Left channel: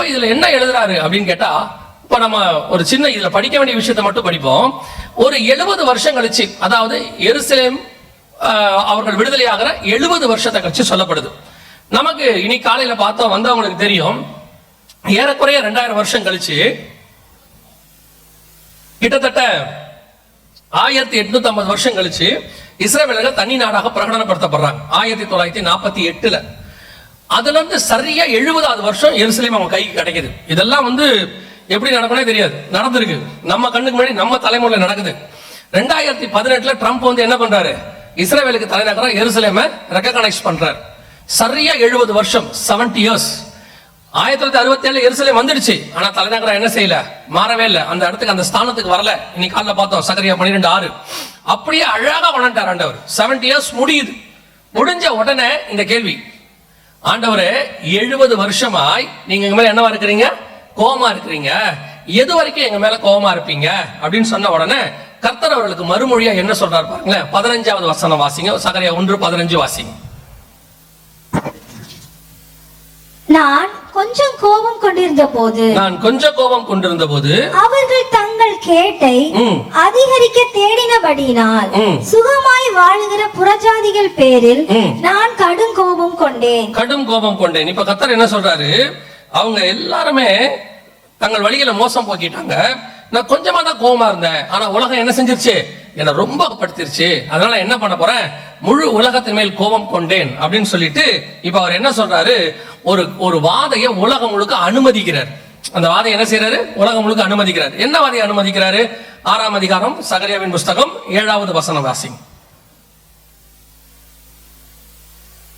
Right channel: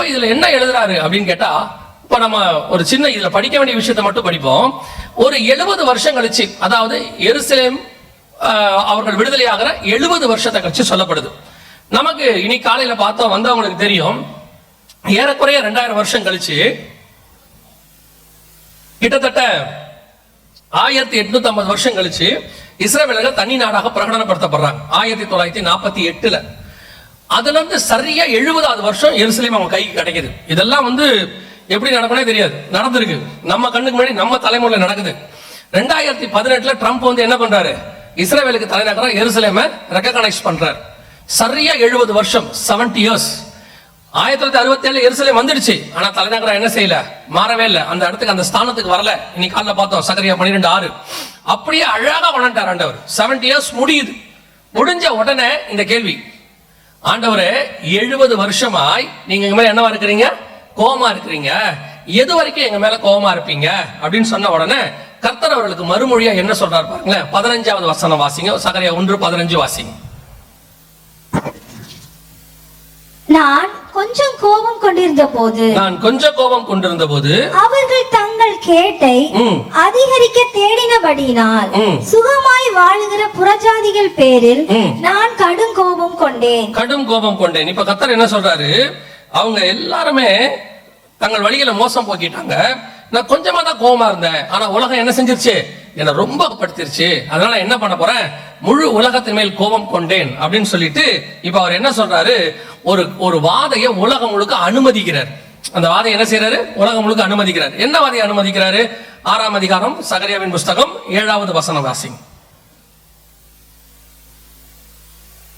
அப்ப இதுல என்ன எழுதுறாரு அப்படின்னு கேட்டா, இப்ப நம்ம ஒரு சின்ன இதுல படிக்க வேண்டிய விஷயத்தை மட்டும் படிப்போம். ஒரு 70 வருஷம் கழிச்சு, அதாவது எருசலேம் அவர்கள் விடுதலையாகிற 70 வருஷத்தை கழிச்சு சொல்லப்படுது. நமக்கு இனி காலையில பார்த்தோம் வந்தவங்களுக்கு தெரியும், ஏறக்குறைய 2000 வருஷம் கழிச்சு கிட்டத்தட்ட 1850 வருஷம் கழிச்சு இஸ்ரவேலர்கள் தனி நாடாக பிரகடனப்படுத்தப்படுறாங்க 1948ல. அதுல இருந்து சரியா 70வது வருஷம் எருசலேம் அவங்க கைக்கு கிடைக்குது. இதெல்லாம் எப்படி நடக்கும்னே தெரியாது, நடந்திருக்கு நம்ம கண்ணுக்கு முன்னாடி, நம்ம தலைமுறையில நடக்குது. 2018ல ட்ரம்ப் என்ன பண்றாரு, இஸ்ரவேலுக்கு தலைநகரம் எருசலேமை ரெகக்னைஸ் பண்றாரு. சரியா 70 வருஷம், 70 இயர்ஸ். 1967 எருசலேம் வந்துடுச்சு, ஆனா தலைநகரம் என்ன செய்யல, மாறவே இல்லை, அந்த இடத்துக்கு அந்த ஸ்தானத்துக்கு வரல. இன்னைக்கு காலைல பார்த்தோம் சகரியா 12:6. அப்படியே அழகா வளர்ந்தார் ஆண்டவர். 70 இயர்ஸ் முடியுது. முடிஞ்ச உடனே இந்த கேள்வி, ஆண்டவரே 70 வருஷமாய் நீங்க எங்க மேல என்னவா இருக்கிறீங்க, கோபமா இருக்கிறீங்க, எது வரைக்கும் எங்க மேல கோபமா இருப்பீங்க அப்படின்னு சொன்ன உடனே கர்த்தர் அவர்களுக்கு மறுமொழியா என்ன சொல்றாரு பாருங்களேன். 15வது வசனம் வாசிங்க, சகரியா 1:15 வாசிங்க. நான் கொஞ்சம் கோபம் கொண்டிருந்த போது அவர்கள் தங்கள் கேட்டை அதிகரிக்க தேடினபடியினால் சுகமாய் வாழுகிற புறஜாதிகள் பேரில் நான் கடும் கோபம் கொண்டேன். இப்ப கர்த்தர் என்ன சொல்றாரு, அவங்க எல்லாருமே தங்கள் வழிகளை மோசம் போக்கிட்டாங்க, நான் கொஞ்சமா தான் கோபமா இருந்தேன், ஆனா உலகம் என்ன செஞ்சிருச்சு, என்ன ரொம்ப படுத்திருச்சு, அதனால என்ன பண்ண போறேன், முழு உலகத்தின் மேல் கோபம் கொண்டேன் அப்படின்னு சொல்லிட்டு இப்ப அவர் என்ன சொல்றாரு, ஒரு வாதையை உலகம் முழுக்க அனுமதிக்கிறார். அந்த வாதையை என்ன செய்யறாரு, உலகம் முழுக்க அனுமதிக்கிறார். என்ன வாதையை அனுமதிக்கிறாரு, 6ஆம் அதிகாரம் சகரியாவின் புஸ்தகம் 7வது வசனம் வாசிங்க.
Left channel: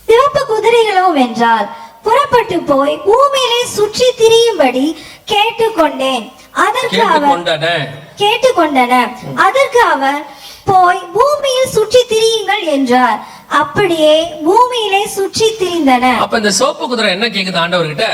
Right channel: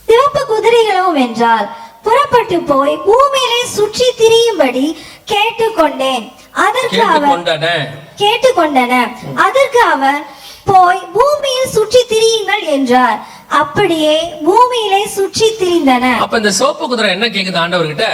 சிவப்பு குதிரைகளோ வென்றால் புறப்பட்டு போய் பூமியிலே சுற்றி திரியும்படி கேட்டுக்கொண்டன. அதற்கு அவர் போய் பூமியில் சுற்றி திரியுங்கள் என்றார். அப்படியே பூமியிலே சுற்றி திரிந்தன. அப்ப இந்த சிவப்பு குதிரை என்ன கேக்குது ஆண்டவர்கிட்ட,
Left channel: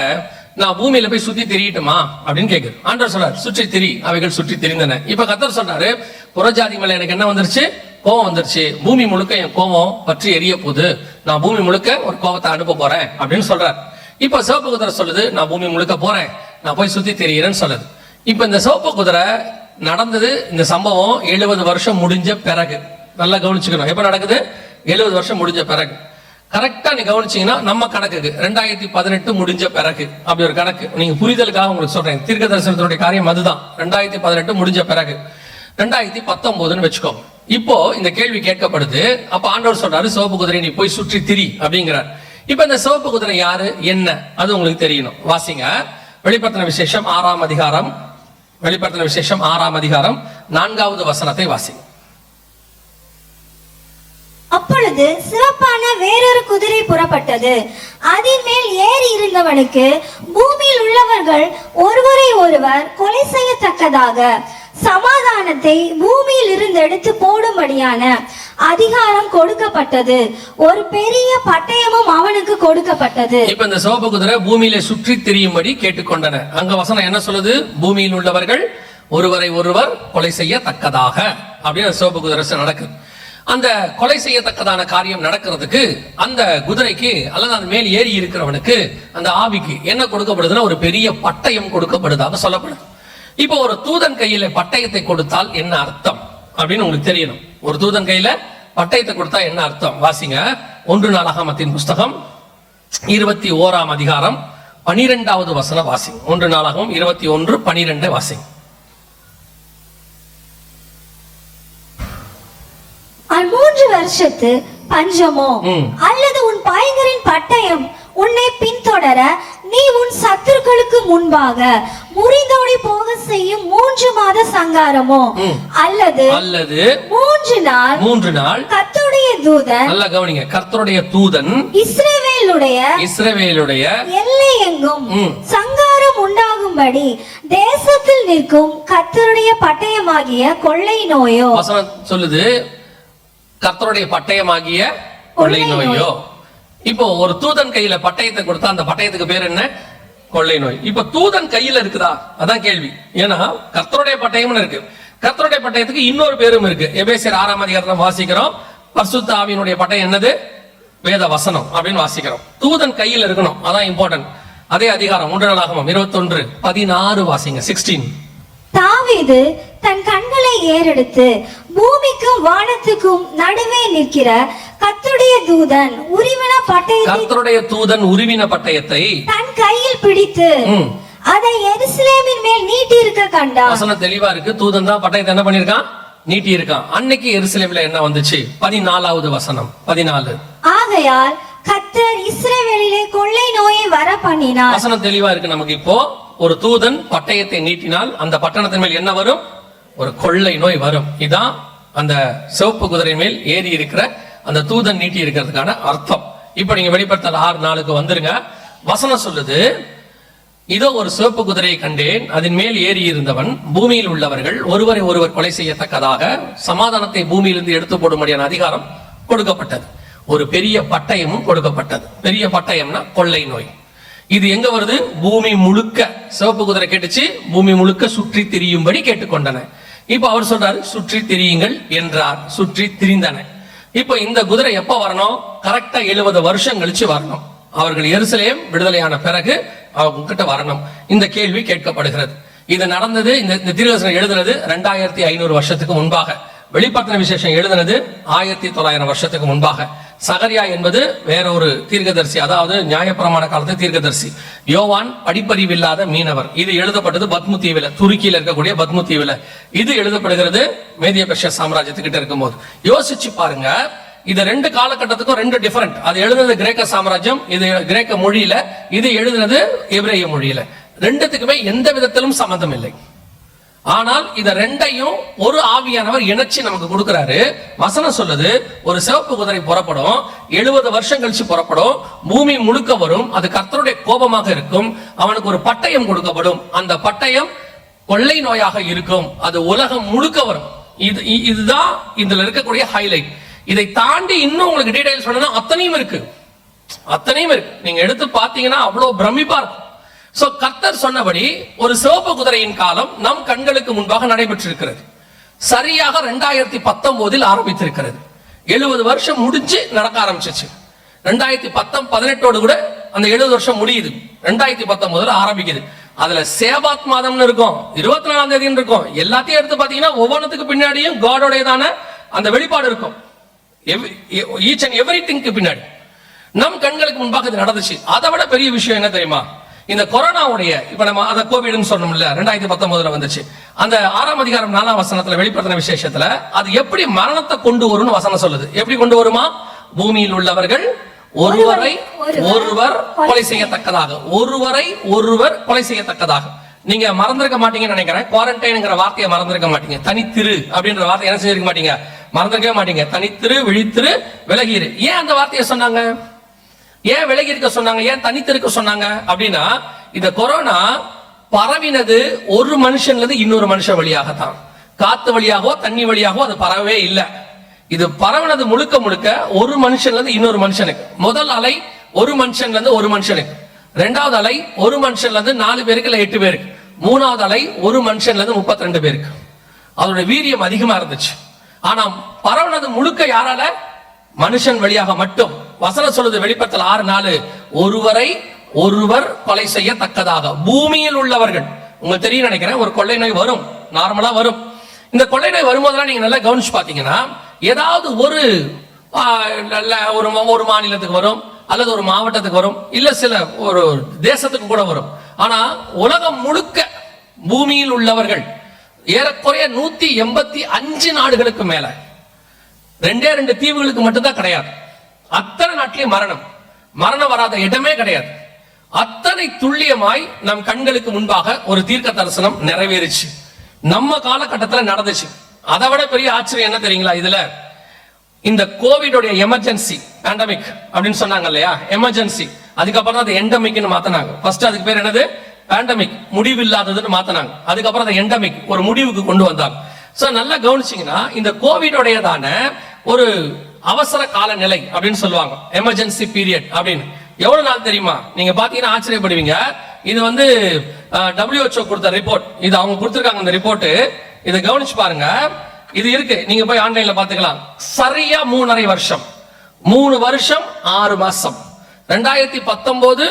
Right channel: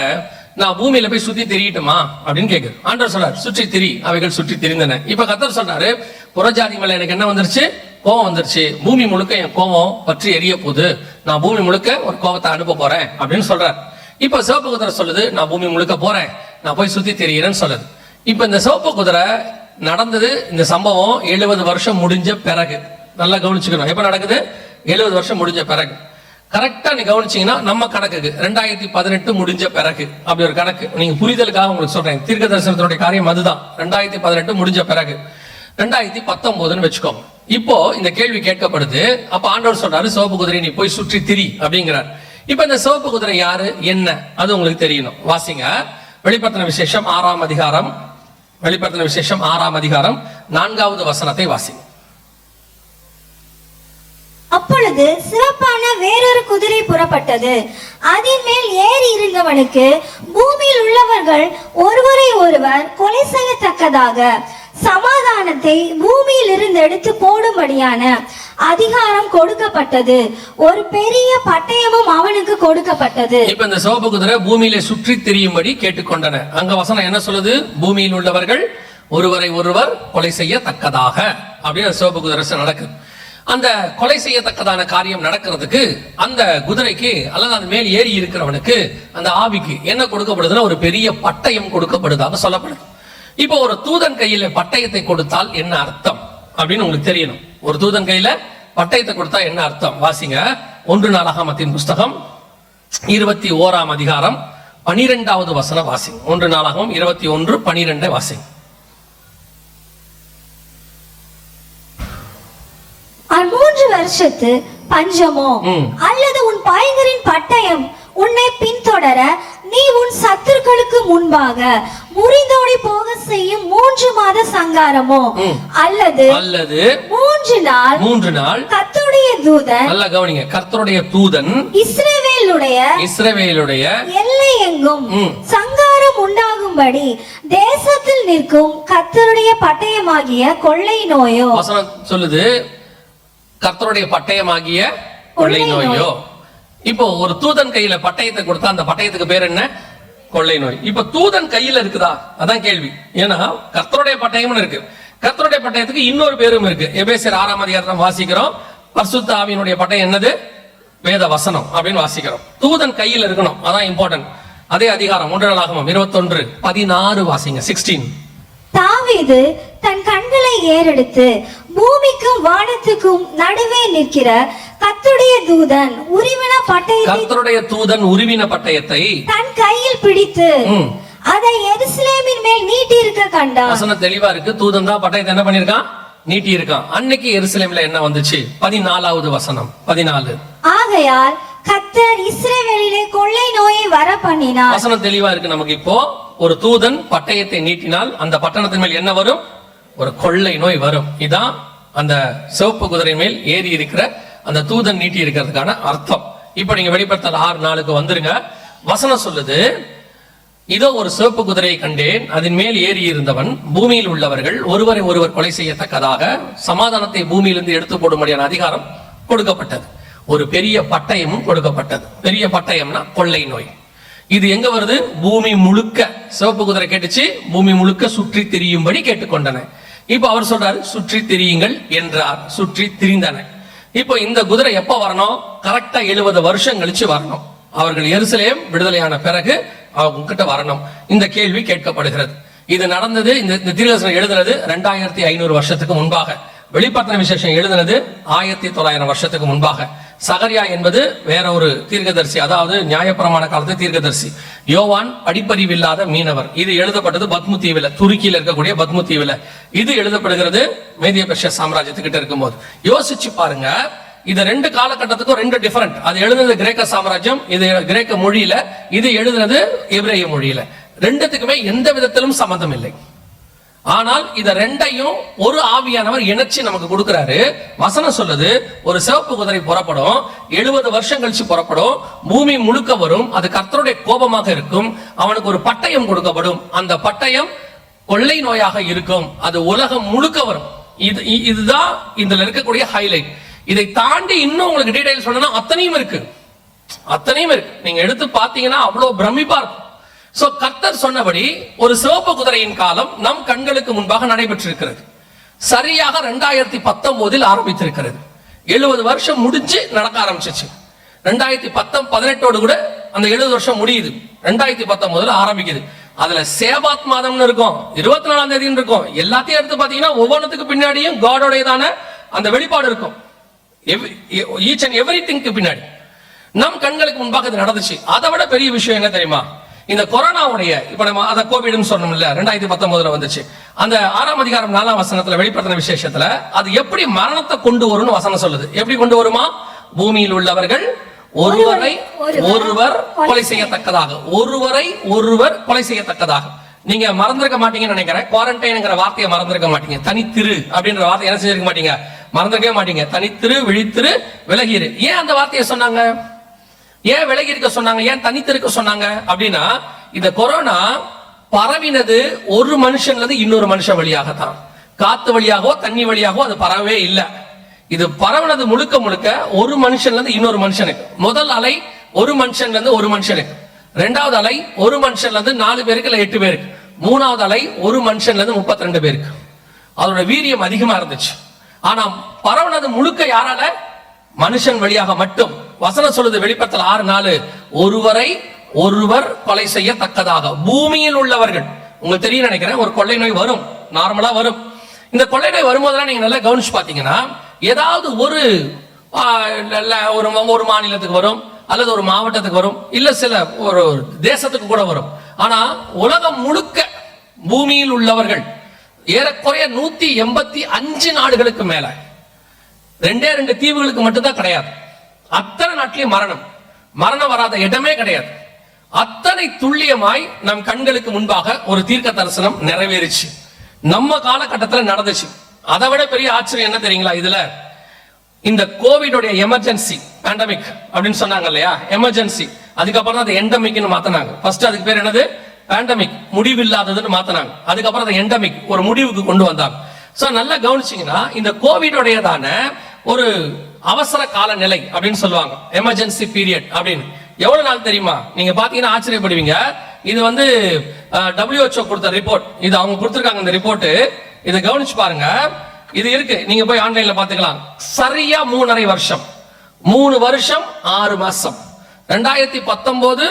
நான் பூமியில போய் சுத்தி திரியட்டுமா அப்படின்னு கேக்குது. ஆண்டவர் சொல்றாரு, சுற்றி திரி, அவைகள் சுற்றி திரிந்தன. இப்ப கர்த்தர் சொல்றாரு, புறஜாதி மேல எனக்கு என்ன வந்துருச்சு, கோபம் வந்துருச்சு, பூமி முழுக்க என் கோபம் பற்றி எரிய போகுது, நான் பூமி முழுக்க ஒரு கோபத்தை அனுப்ப போறேன் அப்படின்னு சொல்றாரு. இப்ப சிவப்பு குதிரை சொல்லுது, நான் பூமி முழுக்க போறேன், நான் போய் சுத்தி திரியிறேன்னு சொல்லுது. இப்ப இந்த சிவப்பு குதிரை நடந்தது, இந்த சம்பவம் 70 வருஷம் முடிஞ்ச பிறகு. நல்லா கவனிச்சுக்கணும், எப்ப நடக்குது, 70 வருஷம் முடிஞ்ச பிறகு. கரெக்டா நீ கவனிச்சீங்கன்னா நம்ம கணக்குக்கு 2018 முடிஞ்ச பிறகு அப்படி ஒரு கணக்கு. நீங்க புரிதலுக்காக உங்களுக்கு சொல்றேன், தீர்க்க தரிசனத்தினுடைய காரியம் அதுதான். 2018 முடிஞ்ச பிறகு 2019 வச்சுக்கோங்க. இப்போ இந்த கேள்வி கேட்கப்படுது. அப்ப ஆண்டவர் சொல்றாரு, சிவப்பு குதிரை நீ போய் சுற்றி திரி அப்படிங்கிறார். இப்ப இந்த சிவப்பு குதிரை யாரு என்ன, அது உங்களுக்கு தெரியணும். வாசிங்க, வெளிப்படுத்தின விசேஷம் 6ஆம் அதிகாரம், வெளிப்படுத்தின விசேஷம் 6ஆம் அதிகாரம் 4வது வசனத்தை வாசிங்க. அப்பொழுது சிறப்பான வேறொரு குதிரை புறப்பட்டது. அதன் மேல் ஏறி இருந்தவனுக்கு பூமியில் உள்ளவர்கள் ஒருவரை ஒருவர் கொலை செய்யத்தக்கதாக சமாதானத்தை பூமியில் இருந்து எடுத்து போடும்படியான அதிகாரம் கொடுக்கப்பட்டது. ஒரு பெரிய பட்டயமும் அவனுக்கு கொடுக்கப்பட்டது. இப்ப இந்த சிவப்பு குதிரை பூமியில சுற்றி திரியும்படி கேட்டுக்கொண்டன. அங்க வசனம் என்ன சொல்லுது, பூமியில் உள்ளவர்கள் ஒருவரை ஒருவர் கொலை செய்யத்தக்கதாக அப்படின்னு சிவப்பு குதிரை நடக்குது. அந்த கொலை செய்யத்தக்கதான காரியம் நடக்கிறதுக்கு அந்த குதிரைக்கு அல்லது அந்த மேல் ஏறி இருக்கிறவனுக்கு, அந்த ஆவிக்கு என்ன கொடுக்கப்படுதுன்னா ஒரு பெரிய பட்டயம் கொடுக்கப்படுதாக சொல்லப்படுது. இப்போ ஒரு தூதன் கையில பட்டயத்தை கொடுத்தால் என்ன அர்த்தம் அப்படின்னு உங்களுக்கு தெரியணும். ஒரு தூதன் கையில பட்டயத்தை கொடுத்தா என்ன அர்த்தம், வாசிங்க. 1 நாளாகமத்தின் புஸ்தகம் 21ஆம் அதிகாரம் 12வது வசனம் வாசிங்க. 1 நாளாகமம் 21:12 வாசிங்க. மூன்று வருஷத்து பஞ்சமோ அல்லது உன் பயங்கரின் பட்டயம் உன்னை பின்தொடர நீ உன் சத்துருக்களுக்கு முன்பாக முறிந்தோடி போக செய்யும் 3 மாத சங்காரமோ அல்லது 3 நாள் கர்த்தருடைய தூதன், நல்லா கவனிங்க, கர்த்தருடைய தூதன் இஸ்ரவேலுடைய எல்லை எங்கும் சங்காரம் உண்டாகும்படி தேசத்தில் நிற்கும் கர்த்தருடைய பட்டயமாகிய கொள்ளை நோயோ. வசனம் சொல்லுது, கர்த்தருடைய பட்டயமாகிய கொள்ளை நோயோ. இப்போ ஒரு தூதன் கையில பட்டயத்தை கொடுத்தா அந்த பட்டயத்துக்கு பேர் என்ன, கொள்ளை நோய். இப்ப தூதன் கையில இருக்குதா, அதான் கேள்வி. ஏன்னா கர்த்தருடைய பட்டயம்னு இருக்கு, கர்த்தருடைய பட்டயத்துக்கு இன்னொரு பேரும் இருக்கு. எபேசியர் 6ஆம் அதிகாரம் வாசிக்கிறோம், பரிசுத்த ஆவியினுடைய பட்டயம் என்னது, வேத வசனம் அப்படின்னு வாசிக்கிறோம். தூதன் கையில் இருக்கணும், அதான் இம்பார்ட்டன்ட். அதே அதிகாரம் 1 நாளாகமம் 21:16 வாசிங்க. 16. தாவீது தன் கண்களை ஏறெடுத்து பூமிக்கும் வானத்துக்கும் நடுவே நிற்கிற கர்த்தருடைய தூதன் உருவின பட்டயத்தை தன் கையில் பிடித்து அதை எருசலேமின் மேல் நீட்டி இருக்க கண்டான். வசனம் தெளிவா இருக்கு. தூதன் தான் பட்டயத்தை என்ன பண்ணிருக்கான்? நீட்டி இருக்கான். அன்னைக்கு எருசலேம்ல என்ன வந்துச்சு? 14வது வசனம் 14. ஆகையால் கர்த்தர் இஸ்ரவேலிலே கொள்ளை நோயை வர பண்ணினார். வசனம் தெளிவா இருக்கு நமக்கு. இப்போ ஒரு தூதன் பட்டயத்தை நீட்டினால் அந்த பட்டணத்தின் மேல் என்ன வரும்? ஒரு கொள்ளை நோய் வரும். இதான் அந்த சிவப்பு குதிரை மேல் ஏறி இருக்கிற அந்த தூதன் நீட்டி இருக்கிறதுக்கான அர்த்தம். இப்ப நீங்க வெளிப்படுத்தல் 6:4 வந்துருங்க. வசனம் சொல்லுது, இதோ ஒரு சிவப்பு குதிரையை கண்டேன், அதன் மேல் ஏறி இருந்தவன் பூமியில் உள்ளவர்கள் ஒருவரை ஒருவர் கொலை செய்யத்தக்கதாக சமாதானத்தை பூமியிலிருந்து எடுத்து போடும்படியான அதிகாரம் கொடுக்கப்பட்டது. ஒரு பெரிய பட்டயமும் கொடுக்கப்பட்டது. பெரிய பட்டயம்னா கொள்ளை நோய். இது எங்க வருது? பூமி முழுக்க. சிவப்பு குதிரை கேட்டுச்சு, பூமி முழுக்க சுற்றி திரியும்படி கேட்டுக்கொண்டன. இப்ப அவர் சொல்றாரு, சுற்றி திரியுங்கள் என்றார். சுற்றி திரிந்தன. இப்போ இந்த குதிரை எப்ப வரணும்? கரெக்டா 70 வருஷம் கழிச்சு வரணும். அவர்கள் எருசலேம் விடுதலையான பிறகு அவங்க கிட்ட வரணும். இந்த கேள்வி கேட்கப்படுகிறது. இது நடந்தது, இந்த தீர்க்கதரிசனம் எழுதுனது 2500 வருஷத்துக்கு முன்பாக. வெளிப்படுத்தின விசேஷம் எழுதுனது 1900 வருஷத்துக்கு முன்பாக. சகரியா என்பது வேற ஒரு தீர்க்கதரிசி, அதாவது நியாயப்பிரமாண காலத்து தீர்க்கதரிசி. யோவான் படிப்பறிவில்லாத மீனவர். இது எழுதப்பட்டது பத்மு தீவுல, துருக்கியில் இருக்கக்கூடிய பத்மு தீவுல. இது எழுதப்படுகிறது மேதிய பெர்ஷியா சாம்ராஜ்யத்துக்கிட்ட இருக்கும்போது. யோசிச்சு பாருங்க, இது 2 காலகட்டத்துக்கும் 2 டிஃபரெண்ட். அது எழுதுனது கிரேக்க சாம்ராஜ்யம், இது கிரேக்க மொழியில, இது எழுதுனது எபிரேய மொழியில. 2த்துக்குமே எந்த விதத்திலும் சம்பந்தம் இல்லை. ஆனால் இத 2ஐயும் ஒரு ஆவியானவர் இணைச்சு நமக்கு கொடுக்கிறாரு. வசனம் சொல்லுது, ஒரு சிவப்பு குதிரை புறப்படும், 70 வருஷம் கழிச்சு புறப்படும், பூமி முழுக்க வரும், அது கர்த்தருடைய கோபமாக இருக்கும், அவனுக்கு ஒரு பட்டயம் கொடுக்கப்படும், அந்த பட்டயம் கொள்ளை நோயாக இருக்கும், அது உலகம் முழுக்க வரும். இதுதான் இதுல இருக்கக்கூடிய ஹைலைட். இதை தாண்டி இன்னும் உங்களுக்கு டீடைல் சொல்லணும், அத்தனையும் இருக்கு. நீங்க எடுத்து பாத்தீங்கன்னா அவ்வளவு பிரமிப்பா இருக்கும். சோ கர்த்தர் சொன்னபடி ஒரு சிவப்பு குதிரையின் காலம் நம் கண்களுக்கு முன்பாக நடைபெற்றிருக்கிறது. சரியாக 2019 ஆரம்பித்திருக்கிறது. 70 வருஷம் முடிஞ்சு நடக்க ஆரம்பிச்சிச்சு. 2018 கூட அந்த 70 வருஷம் முடியுது. 2019 ஆரம்பிக்குது. அதுல சேபாத் மாதம்னு இருக்கும், 24ஆம் தேதி இருக்கும். எல்லாத்தையும் எடுத்து பாத்தீங்கன்னா ஒவ்வொன்றுத்துக்கு பின்னாடியும் காடோடையதான அந்த வெளிப்பாடு இருக்கும். ஈச் அண்ட் எவ்ரிதிங்க்கு பின்னாடி நம் கண்களுக்கு முன்பாக இது நடந்துச்சு. அதை விட பெரிய விஷயம் என்ன தெரியுமா? இந்த கொரோனாவுடைய, இப்ப நம்ம அத கோவிட்னு சொன்னோம்ல, 2019 வந்துச்சு. அந்த 6ஆம் அதிகாரம் 4ஆம் வசனத்துல வெளிப்படுத்தின விசேஷத்துல அது எப்படி மரணத்தை கொண்டு வரும்னு வசனம் சொல்லுது. எப்படி கொண்டு வருமா? பூமியில் உள்ளவர்கள் ஒருவர் கொலை செய்யத்தக்கதாக, ஒருவர் கொலை செய்யத்தக்கதாக. நீங்க மறந்திருக்க மாட்டீங்கன்னு நினைக்கிறேன். குவாரண்டைன்ங்கிற வார்த்தையை மறந்திருக்க மாட்டீங்க. தனித்திரு அப்படின்ற வார்த்தை என்ன செஞ்சிருக்க மாட்டீங்க? மறந்திருக்கவே மாட்டீங்க. தனித்திரு, விழித்திரு, விலகிரு. ஏன் அந்த வார்த்தையை சொன்னாங்க? ஏன் விலகி இருக்க சொன்னாங்க? ஏன் தனித்திருக்க சொன்னாங்க? அப்படின்னா இந்த கொரோனா பரவினது ஒரு மனுஷன்ல இருந்து இன்னொரு மனுஷன் வழியாகத்தான். காத்து வழியாகவோ தண்ணி வழியாகவோ அது பரவவே இல்லை. இது பரவினது முழுக்க முழுக்க ஒரு மனுஷன்ல இருந்து இன்னொரு மனுஷனுக்கு. முதல் அலை ஒரு மனுஷன்ல இருந்து ஒரு மனுஷனுக்கு, 2வது அலை ஒரு மனுஷன்ல இருந்து 4 பேருக்கு இல்ல 8 பேருக்கு, 3வது அலை ஒரு மனுஷன்ல இருந்து 32 பேருக்கு. அதோட வீரியம் அதிகமா இருந்துச்சு. ஆனா பரவினது முழுக்க யாரால? மனுஷன் வழியாக மட்டும். வசனம் சொல்லுது வெளிப்படுத்தல் 6:4, ஒருவர் கொலை செய்யத்தக்கதாக பூமியில் உள்ளவர்கள். உங்களுக்கு தெரியும் நினைக்கிறேன், ஒரு கொள்ளை நோய் வரும், நார்மலா வரும். இந்த கொள்ளை நோய் வரும்போதெல்லாம் நீங்க நல்லா கவனிச்சு பாத்தீங்கன்னா, ஏதாவது ஒரு மாநிலத்துக்கு வரும், அல்லது ஒரு மாவட்டத்துக்கு வரும், இல்ல சில ஒரு தேசத்துக்கு கூட வரும். ஆனா உலகம் முழுக்க பூமியில் உள்ளவர்கள் ஏறக்குறைய 185 நாடுகளுக்கு மேல, 2 தீவுகளுக்கு மட்டும்தான் கிடையாது. அத்தனை நாட்டிலையும் மரணம் வராத இடமே கிடையாது. அத்தனை துல்லியமாய் நம் கண்களுக்கு முன்பாக ஒரு தீர்க்க தரிசனம் நிறைவேறிச்சு. நம்ம காலகட்டத்தில் நடந்துச்சு. அதை விட பெரிய ஆச்சரியம் என்ன தெரியுங்களா? இதுல இந்த கோவிடோட எமர்ஜென்சி பேண்டமிக் அப்படின்னு சொன்னாங்க இல்லையா, எமர்ஜென்சி. அதுக்கப்புறம் தான் எண்டமிக்னு மாத்தினாங்க. ஃபர்ஸ்ட் அதுக்கு பேர் என்னது? பேண்டமிக், முடிவில்லாததுன்னு மாத்தினாங்க. அதுக்கப்புறம் அதை எண்டமிக், ஒரு முடிவுக்கு கொண்டு வந்தாங்க. சோ நல்லா கவனிச்சீங்கன்னா, இந்த கோவிடோடையதான ஒரு அவசர கால நிலை அப்படின்னு சொல்லுவாங்க, எமர்ஜென்சி பீரியட் அப்படின்னு. எவ்வளவு நாள் தெரியுமா? நீங்க பாத்தீங்கன்னா ஆச்சரியப்படுவீங்க. இது வந்து WHO கொடுத்த ரிப்போர்ட். இது அவங்க கொடுத்திருக்காங்க இந்த ரிப்போர்ட். இதை கவனிச்சு பாருங்க. இது இருக்கு, நீங்க போய் ஆன்லைன்ல பாத்துக்கலாம். சரியா 3.5 வருஷம், 3 வருஷம் 6 மாசம். 2019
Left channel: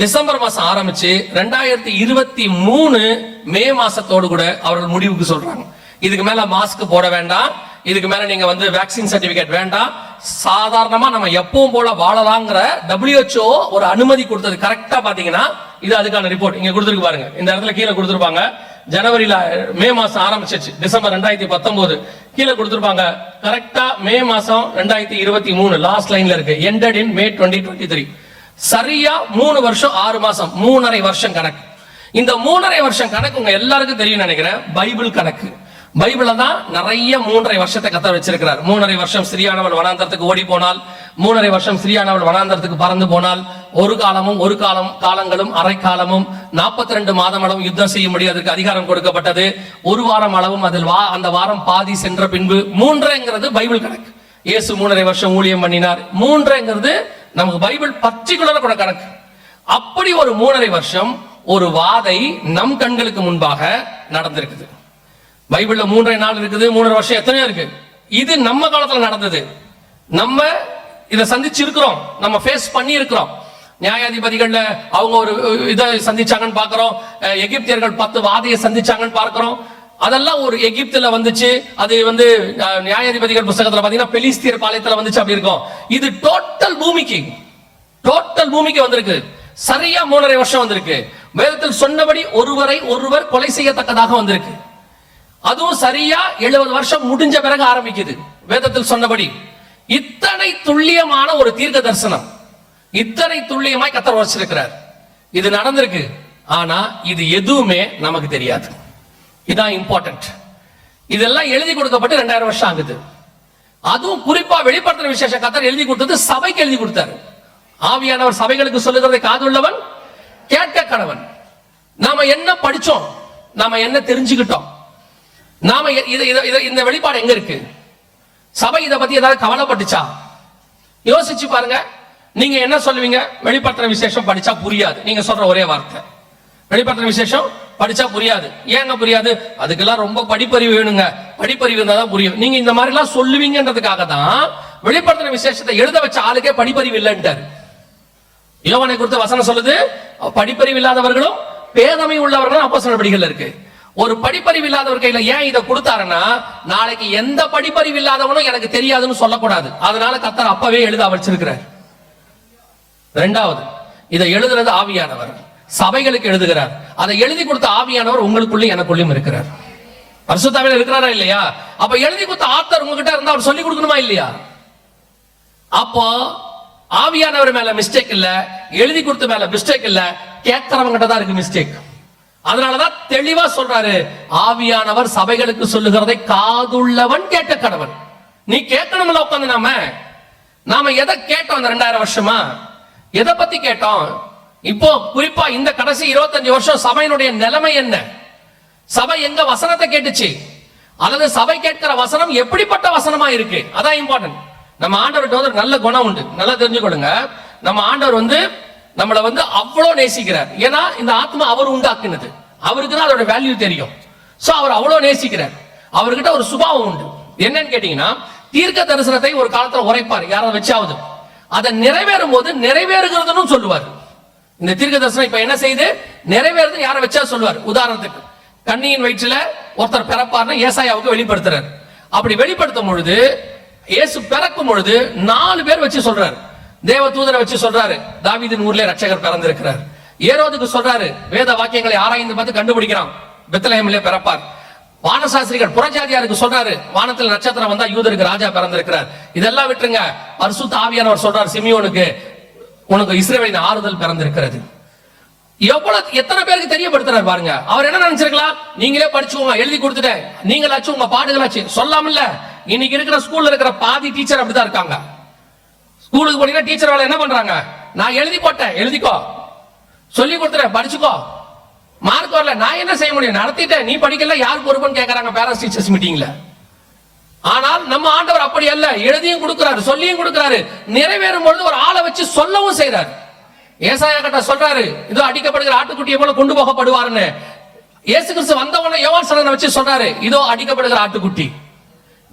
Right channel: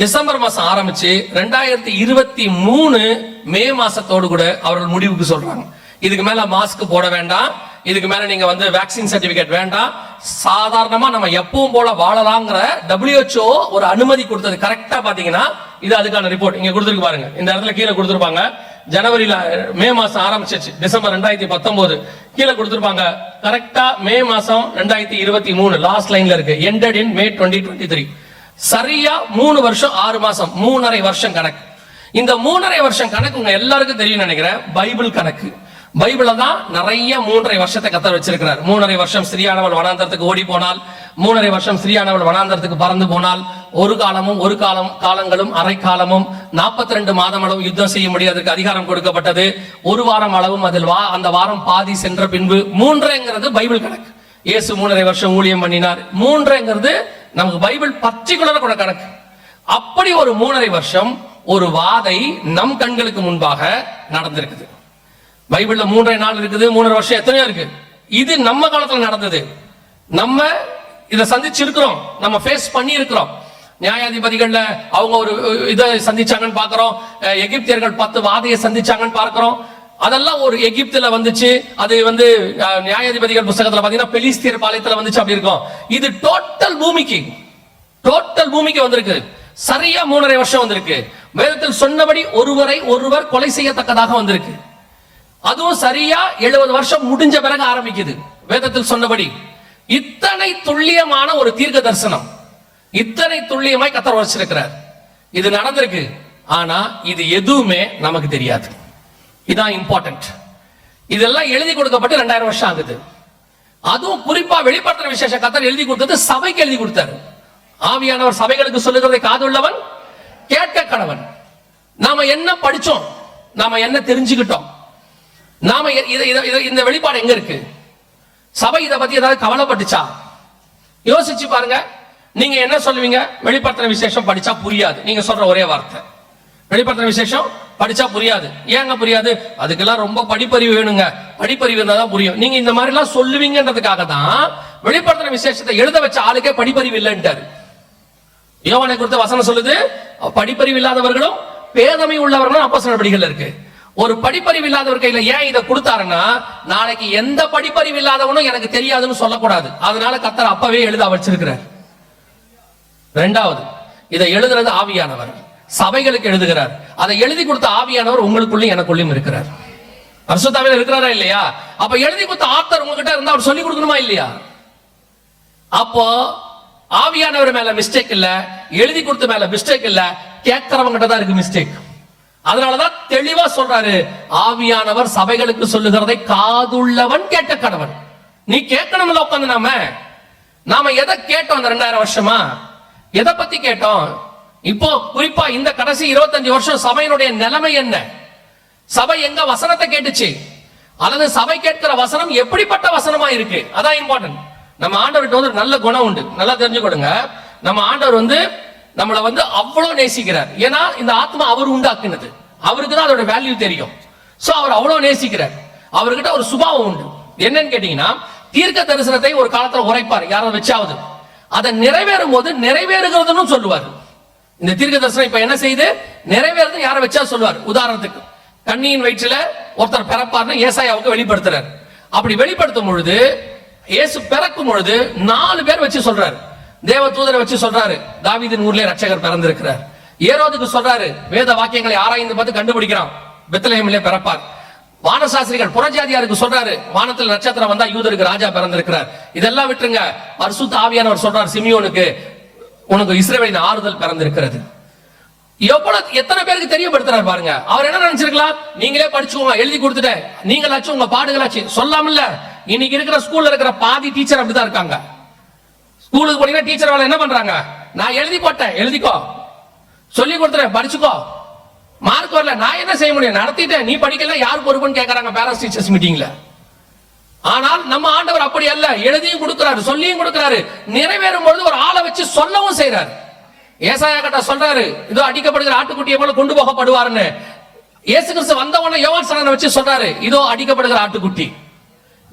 டிசம்பர் மாசம் ஆரம்பிச்சு 2023 மே மாசத்தோடு கூட அவர்கள் முடிவுக்கு சொல்றாங்க, இதுக்கு மேல மாஸ்க் போட வேண்டாம், இதுக்கு மேல நீங்க வந்து வேக்சின் சர்டிபிகேட் வேண்டாம், சாதாரணமா நம்ம எப்பவும் போல வாழலாங்கிற WHO ஒரு அனுமதி கொடுத்தது. கரெக்டா பாத்தீங்கன்னா இது அதுக்கான ரிப்போர்ட் இங்க கொடுத்துருக்கு பாருங்க, இந்த இடத்துல கீழே கொடுத்துருப்பாங்க. ஜனவரியில மே மாசம் ஆரம்பிச்சிச்சு, டிசம்பர் 2019 கீழே கொடுத்துருப்பாங்க. கரெக்டா மே மாசம் 2023 லாஸ்ட் லைன்ல இருக்கு, ended in May 2023. சரியா 3 வருஷம் 6 மாசம், 3.5 வருஷம் கணக்கு. இந்த 3.5 வருஷம் கணக்கு உங்க எல்லாருக்கும் தெரியும் நினைக்கிறேன், பைபிள் கணக்கு. பைபிள்ல தான் நிறைய 3.5 வருஷத்தை கத்தர் வச்சிருக்கிறார். 3.5 வருஷம் ஸ்திரியானவள் வனாந்தரத்துக்கு ஓடி போனால், 3.5 வருஷம் ஸ்திரியானவள் வனாந்தரத்துக்கு பறந்து போனால், ஒரு காலமும் ஒரு காலங்களும் அரை காலமும் 42 மாதம் அளவும் யுத்தம் செய்ய முடியாததுக்கு அதிகாரம் கொடுக்கப்பட்டது. ஒரு வாரம் அளவும் அதில் அந்த வாரம் பாதி சென்ற பின்பு 3ங்கிறது பைபிள் கணக்கு. இயேசு 3.5 வருஷம் ஊழியம் பண்ணினார். 3ங்கிறது நமக்கு பைபிள் பர்டிகுலரா கூட கணக்கு. அப்படி ஒரு 3.5 வருஷம் ஒரு வாதை நம் கண்களுக்கு முன்பாக நடந்திருக்குது. பைபிள்ல 3.5 நாள் இருக்குது, 3.5 வருஷம் எத்தனையோ இருக்கு. இது நம்ம காலத்துல நடந்தது, நம்ம இதை சந்திச்சிருக்கிறோம், நம்ம ஃபேஸ் பண்ணி இருக்கிறோம். நியாயாதிபதிகள்ல அவங்க ஒரு இதை சந்திச்சாங்கன்னு பாக்குறோம், எகிப்தியர்கள் 10 வாதையை சந்திச்சாங்கன்னு பார்க்கிறோம். அதெல்லாம் ஒரு எகிப்துல வந்துச்சு, அது வந்து நியாயாதிபதிகள் புத்தகத்துல பாத்தீங்கன்னா பெலிஸ்தியர் பாளையத்துல வந்துச்சு, அப்படி இருக்கும். இது டோட்டல் பூமிக்கு வந்திருக்கு. சரியா 3.5 வருஷம் வந்திருக்கு. வேதத்தில் சொன்னபடி ஒருவர் கொலை செய்யத்தக்கதாக வந்திருக்கு. அதுவும் சரியா 70 வருஷம் முடிஞ்ச பிறகு ஆரம்பிக்குது. வேதத்தில் சொன்னபடி இத்தனை துல்லியமான ஒரு தீர்க்க தரிசனம், இத்தனை துல்லியமாய் கர்த்தர் வச்சிருக்கிறார். இது நடந்திருக்கு. ஆனா இது எதுவுமே நமக்கு தெரியாது. இதான் இம்பார்ட்டன்ட். இதெல்லாம் எழுதி கொடுக்கப்பட்டு 2000 வருஷம் ஆகுது. அதுவும் குறிப்பா வெளிப்படுத்துற விசேஷ கர்த்தர் எழுதி கொடுத்தது சபைக்கு எழுதி கொடுத்தாரு. ஆவியானவர் சபைகளுக்கு சொல்லுகிறதை காதுள்ளவன் கேட்க கடவன். நாம என்ன படிச்சோம், நாம என்ன தெரிஞ்சுக்கிட்டோம், நாம இந்த வெளிப்பாடு எங்க இருக்கு? சபை இதை பத்தி ஏதாவது கவலைப்பட்டுச்சா? யோசிச்சு பாருங்க. நீங்க என்ன சொல்லுவீங்க? வெளிப்படுத்துற விசேஷம் படிச்சா புரியாது. நீங்க சொல்ற ஒரே வார்த்தை, வெளிப்படுத்துற விசேஷம் படிச்சா புரியாது. ஏங்க புரியாது? அதுக்கெல்லாம் ரொம்ப படிப்பறிவு வேணுங்க, படிப்பறிவு இருந்தா தான் புரியும். நீங்க இந்த மாதிரி எல்லாம் சொல்லுவீங்கன்றதுக்காக தான் வெளிப்படுத்துற விசேஷத்தை எழுத வச்ச ஆளுக்கே படிப்பறிவு இல்லைன்ட்டாரு. யோவானை குறித்த வசனம் சொல்லுது, படிப்பறிவு இல்லாதவர்களும் பேதமை உள்ளவர்களும் அப்போஸ்தலர் படிகள் இருக்கு. ஒரு படிப்பறிவு இல்லாதவர் கையில ஏன் இதை கொடுத்தாருன்னா, நாளைக்கு எந்த படிப்பறிவு இல்லாதவனும் எனக்கு தெரியாதுன்னு சொல்லக்கூடாது. அதனால கர்த்தர் அப்பவே எழுத வச்சிருக்கிறார். இரண்டாவது, இதை எழுதுறது ஆவியானவர் சபைகளுக்கு எழுதுகிறார். அதை எழுதி கொடுத்த ஆவியானவர் உங்களுக்குள்ளயும் எனக்குள்ளயும் இருக்கிறார். பரிசுத்தாவில இருக்கிறாரா இல்லையா? அப்ப எழுதி கொடுத்த ஆத்தர் உங்ககிட்ட இருந்தா அவர் சொல்லி கொடுக்கணுமா இல்லையா? அப்போ ஆவியானவர் மேல மிஸ்டேக் இல்ல, எழுதி கொடுத்த மேல மிஸ்டேக் இல்ல, கேட்கிறவங்க தான் இருக்கு மிஸ்டேக். அதனாலதான் தெளிவா சொல்றாரு, ஆவியானவர் சபைகளுக்கு சொல்லுகிறதை காதுள்ளவன் கேட்க கடவன். நீ கேட்கணும்ல. உட்காந்து நாம எதை கேட்டோம்? அந்த 2000 வருஷமா எதை பத்தி கேட்டோம்? இப்போ குறிப்பா இந்த கடைசி 25 வருஷம் சபையினுடைய நிலைமை என்ன? சபை எங்க வசனத்தை கேட்டுச்சு, அல்லது சபை கேட்கிற வசனம் எப்படிப்பட்ட வசனமா இருக்கு? அதான் இம்பார்ட்டன்ட். நம்ம ஆண்டவர்கிட்ட வந்து நல்ல குணம் உண்டு, நல்லா தெரிஞ்சுக்கொள்ளுங்க. நம்ம ஆண்டவர் வந்து நம்மளை வந்து அவ்வளவு நேசிக்கிறார். ஏன்னா இந்த ஆத்மா அவர் உண்டாக்குனது, அவருக்கு தான் அதோட வேல்யூ தெரியும். சோ அவர் அவ்வளவு நேசிக்கிறார். அவர்கிட்ட ஒரு சுபாவம் உண்டு. என்னன்னு கேட்டீங்கன்னா, தீர்க்க தரிசனத்தை ஒரு காலத்துல உரைப்பார் யாராவது வச்சாவது, அதை நிறைவேறும் போது நிறைவேறுகிறதுன்னு சொல்லுவார். இந்த தீர்க்க தரிசனம் இப்ப என்ன செய்து நிறைவேறது யாரை வச்சா சொல்லுவார். உதாரணத்துக்கு, கன்னியின் வயிற்றுல ஒருத்தர் பிறப்பார்னு ஏசாயாவுக்கு வெளிப்படுத்துறாரு. அப்படி வெளிப்படுத்தும் பொழுது, இயேசு பிறக்கும் பொழுது 4 பேர் வச்சு சொல்றாரு. தேவ தூதரை வச்சு சொல்றாரு, தாவீதின் ஊர்ல ரட்சகர் பிறந்திருக்கிறார். ஏரோதுக்கு சொல்றாரு, வேத வாக்கியங்களை ஆராய்ந்து பார்த்து கண்டுபிடிக்கிறான், பெத்லஹேமிலே பிறப்பார். வானசாஸ்திரிகள் புறஜாதியாருக்கு சொல்றாரு, வானத்தில் நட்சத்திரம் வந்தா யூதருக்கு ராஜா பிறந்திருக்கிறார். இதெல்லாம் விட்டுருங்க. பரிசுத்த ஆவியானவர் சொல்றார் சிமியோனுக்கு, உனக்கு இஸ்ரவேலின் ஆறுதல் பிறந்திருக்கிறது. எத்தனை பேருக்கு தெரியப்படுத்துறாரு பாருங்க. அவர் என்ன நினைச்சிருக்கலாம்? நீங்களே படிச்சுக்கோங்க, எழுதி கொடுத்துட்டேன், நீங்களாச்சும் உங்க பாடுகளாச்சு சொல்லாமல்ல. இன்னைக்கு இருக்கிற ஸ்கூல்ல இருக்கிற பாதி டீச்சர் அப்படிதான் இருக்காங்க. ஸ்கூலுக்கு போனீங்கன்னா டீச்சர் வேலை என்ன பண்றாங்க? நான் எழுதி போட்டேன், எழுதிக்கோ, சொல்லி கொடுத்துறேன், படிச்சுக்கோ, மார்க் வரல, நான் என்ன செய்ய முடியும், நடத்திட்டேன், நீ படிக்கல, யார் பொறுப்புன்னு கேட்கறாங்க பேரண்ட்ஸ் டீச்சர்ஸ் மீட்டிங்ல. ஆனால் நம்ம ஆண்டவர் அப்படி அல்ல, எழுதியும் கொடுக்கிறாரு, சொல்லியும் கொடுக்கிறாரு, நிறைவேறும் பொழுது ஒரு ஆளை வச்சு சொல்லவும் செய்யறாரு. ஏசாயா கிட்ட சொல்றாரு, இதோ அடிக்கப்படுகிற ஆட்டுக்குட்டியை போல கொண்டு போகப்படுவார்னு. இயேசு கிறிஸ்து வந்தவன யோவான் ஸ்நானனை வச்சு சொல்றாரு, இதோ அடிக்கப்படுகிற ஆட்டுக்குட்டி.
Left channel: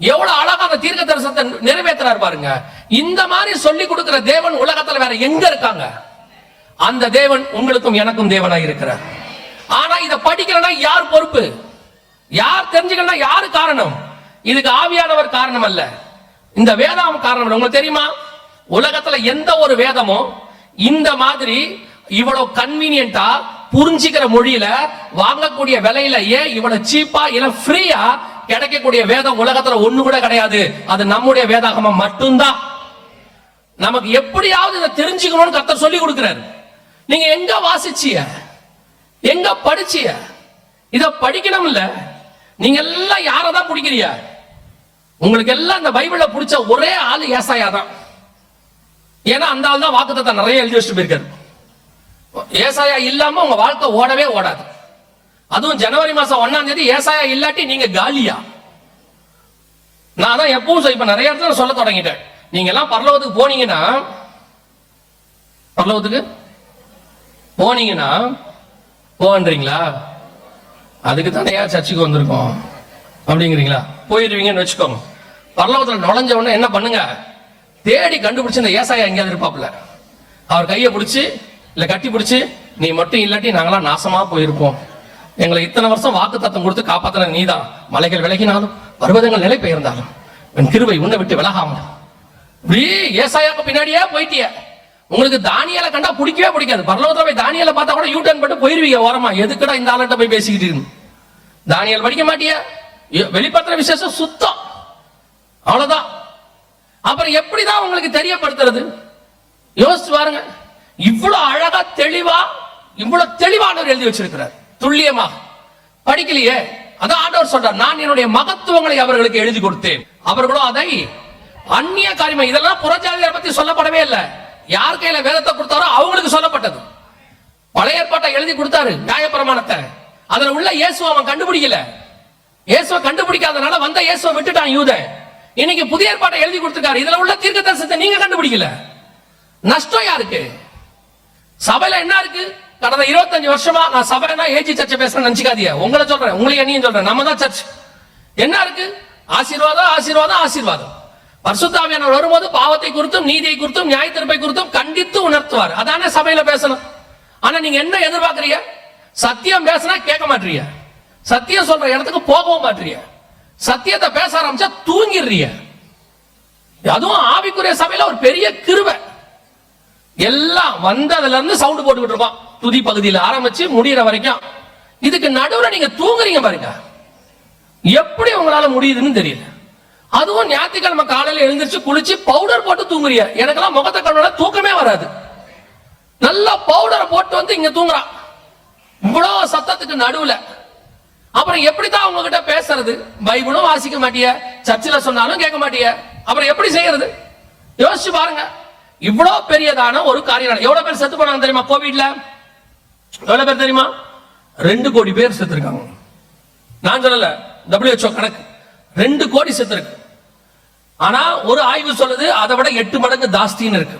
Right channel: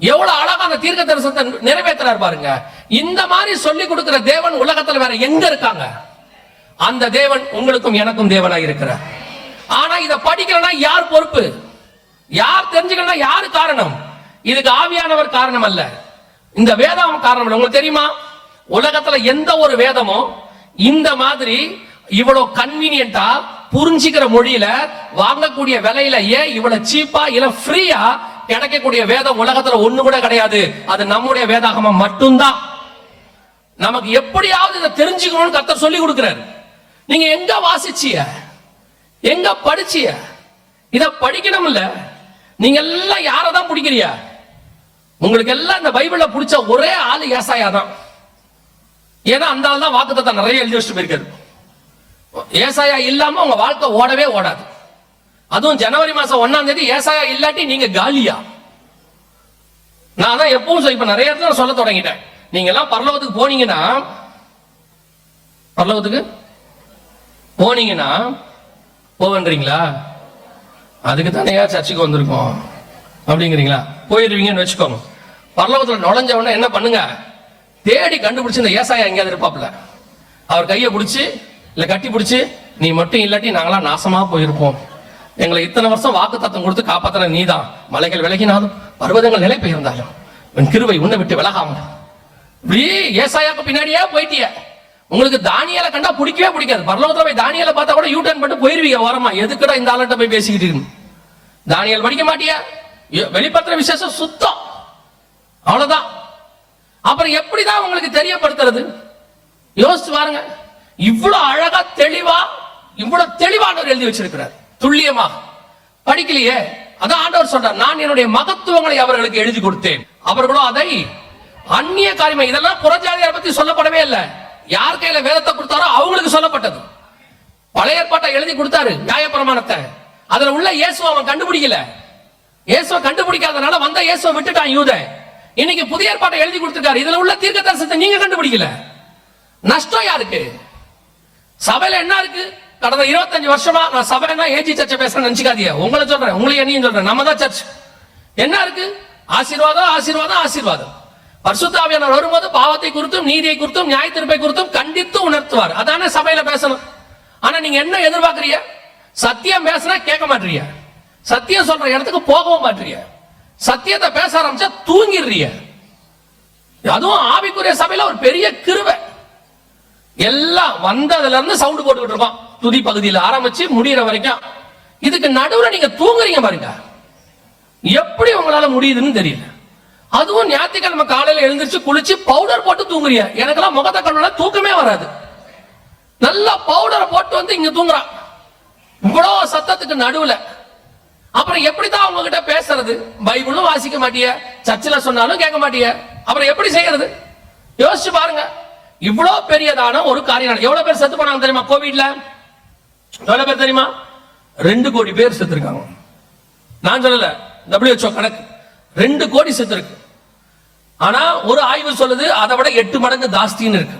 எவ்வளவு அழகா அந்த தீர்க்க தரிசனத்தை நிறைவேற்றார் பாருங்க. இந்த மாதிரி சொல்லி கொடுக்கிற தேவன் உலகத்துல வேற எங்க இருக்காங்க? அந்த தேவன் உங்களுக்கும் எனக்கும் தேவனாய் இருக்கிறார். ஆனா இத படிக்கலன்னா யார் பொறுப்பு? யார் தெரிஞ்சுக்கலன்னா யாரு காரணம்? இதுக்கு ஆவியானவர் காரணம் அல்ல, இந்த வேதாகம் காரணம் இல்லை. உங்களுக்கு தெரியுமா, உலகத்துல எந்த ஒரு வேதமும் இந்த மாதிரி இவ்வளவு கன்வீனியன்டா புரிஞ்சுக்கிற மொழியில வாங்கக்கூடிய விலையில ஏன் இவ்வளவு சீப்பா இல்ல ஃப்ரீயா கிடைக்கக்கூடிய வேதம் உலகத்துல ஒண்ணு கூட கிடையாது. அது நம்முடைய வேதாகமம் மட்டும்தான். நமக்கு எப்படியாவது இதை தெரிஞ்சுக்கணும்னு கர்த்தர் சொல்லி கொடுக்கிறார். நீங்க எங்க வாசிச்சிய, எங்க படிச்சிய? இத படிக்கணும் இல்ல. நீங்க எல்லாம் யாரதான் பிடிக்கிறிய? உங்களுக்கு எல்லாம் இந்த பைபிள்ல பிடிச்ச ஒரே ஆளு ஏசாயா தான். ஏன்னா அந்த ஆள் தான் வாக்குத்தத்தம் நிறைய எழுதி வச்சுட்டு போயிருக்காரு. ஏசாயா இல்லாம உங்க வாழ்க்கை ஓடவே ஓடாது. அதுவும் ஜனவரி மாசம் 1ஆம் தேதி ஏசாயா இல்லாட்டி நீங்க காலியா. நான் தான் எப்பவும் இப்ப நிறைய இடத்துல சொல்ல தொடங்கிட்டேன். நீங்க எல்லாம் பரலோகத்துக்கு போனீங்கன்னா போவன்றீங்களா? அதுக்கு தானே சர்ச்சுக்கு வந்திருக்கோம் அப்படிங்கிறீங்களா? போயிருவீங்கன்னு வச்சுக்கோங்க. பரலோகத்துல நுழைஞ்ச உடனே என்ன பண்ணுங்க, தேடி கண்டுபிடிச்சு இந்த ஏசாயா எங்கேயாவது இருப்பாப்ல, அவர் கையை பிடிச்சி இல்ல கட்டி பிடிச்சி, நீ மட்டும் இல்லாட்டி நாங்களாம் நாசமா போயிருப்போம், எங்களை இத்தனை வருஷம் வாக்கு தத்தம் கொடுத்து காப்பாத்துற நீதான், மலைகள் விலகினாலும் பர்வதங்கள் நிலை பெயர்ந்தாலும் என் கிருபை உன்னை விட்டு விலகாம. இப்படியே ஏசாயாக்கு பின்னாடியே போயிட்டிய. உங்களுக்கு தானியலை கண்டா பிடிக்கவே பிடிக்காது. பரலோகத்துல போய் தானியலை பார்த்தா கூட யூ டர்ன் பண்ணிட்டு போயிருவீங்க ஓரமா. எதுக்குடா இந்த ஆளுகிட்ட போய் பேசிக்கிட்டு இருக்கு? தானியல் படிக்க மாட்டிய, வெளிப்பத்திர விசேஷம் சுத்தம், அவ்வளவுதான். அப்புறம் எப்படிதான் உங்களுக்கு தெரியப்படுத்துறது? யோசிச்சு பாருங்க. இவ்வளவு அழகா தெளிவா, இவ்வளவு தெளிவானவர் எழுதி வச்சிருக்கிறார், துல்லியமாக. படிக்கலையே, அதான் ஆண்டவர் சொல்றார், நான் என்னுடைய மகத்துவங்களை அவர்களுக்கு எழுதி கொடுத்தேன், அவர்களோ அதை அந்நிய காரியமா. இதெல்லாம் புறஜாதியாரை பத்தி சொல்லப்படவே இல்லை. யார் கையில வேதத்தை கொடுத்தாரோ அவங்களுக்கு சொல்லப்பட்டது. பழைய ஏற்பாட்டை எழுதி கொடுத்தாரு, நியாயப்பிரமாணத்தை. அதுல உள்ள இயேசுவை அவன் கண்டுபிடிக்கல. இயேசுவை கண்டுபிடிக்காதனால வந்த இயேசுவை விட்டுட்டான் யூதன். இன்னைக்கு புதிய ஏற்பாட்டை எழுதி கொடுத்திருக்காரு, இதுல உள்ள தீர்க்கதரிசனத்தை நீங்க கண்டுபிடிக்கல. நஷ்டம் யாருக்கு? சபையில என்ன இருக்கு? கடந்த 25 வருஷமா நான் சபைனா ஏஜி சர்ச்சை பேசுறேன் நினைச்சுக்காதீங்க. உங்களை சொல்றேன், உங்களை என்னையும் சொல்றேன், நம்ம தான் சர்ச். என்ன இருக்கு? ஆசீர்வாதம், ஆசீர்வாதம், ஆசீர்வாதம். பரிசுத்த ஆவியானவர் வரும்போது பாவத்தை குறித்தும் நீதியை குறித்தும் நியாய தீர்ப்பை குறித்தும் கண்டித்து உணர்த்துவார். அதானே சபையில பேசணும். ஆனா நீங்க என்ன எதிர்பார்க்கறீங்க? சத்தியம் பேசினா கேட்க மாட்டீங்க, சத்தியம் சொல்ற இடத்துக்கு போகவும் மாட்டீங்க, சத்தியத்தை பேச ஆரம்பிச்சா தூங்கிடுறீங்க. அதுவும் ஆவிக்குரிய சபையில ஒரு பெரிய கிருபை. எல்லாம் வந்ததுல இருந்து சவுண்ட் போட்டுக்கிட்டு இருப்பான், துதி பகுதியில் ஆரம்பிச்சு முடிகிற வரைக்கும். இதுக்கு நடுவுல நீங்க தூங்குறீங்க பாருங்க, எப்படி உங்களால முடியுதுன்னு தெரியல. அதுவும் ஞாயிற்றுக்கிழமை காலையில எழுந்திருச்சு குளிச்சு பவுடர் போட்டு தூங்குறீங்க. எனக்கெல்லாம் முகத்தை கண்ணோட தூக்கமே வராது. நல்லா பவுடரை போட்டு வந்து இங்க தூங்குறான், இவ்வளவு சத்தத்துக்கு நடுவுல. அப்புறம் எப்படிதான் உங்ககிட்ட பேசுறது? பைபிளும் வாசிக்க மாட்டிய, சர்ச்சில் சொன்னாலும் கேட்க மாட்டிய, அப்புறம் எப்படி செய்யறது? யோசிச்சு பாருங்க. இவ்வளவு பெரியதான ஒரு காரியம். எவ்வளவு பேர் செத்து போனாங்க தெரியுமா கோவிட்ல? எவ்வளவு பேர் தெரியுமா? 2 கோடி பேர் செத்து இருக்காங்க. நான் சொல்லல, WHO கணக்கு 2 கோடி செத்து இருக்கு. ஆனா ஒரு ஆய்வு சொல்லுது அதை விட 8 மடங்கு ஜாஸ்தின்னு இருக்கு.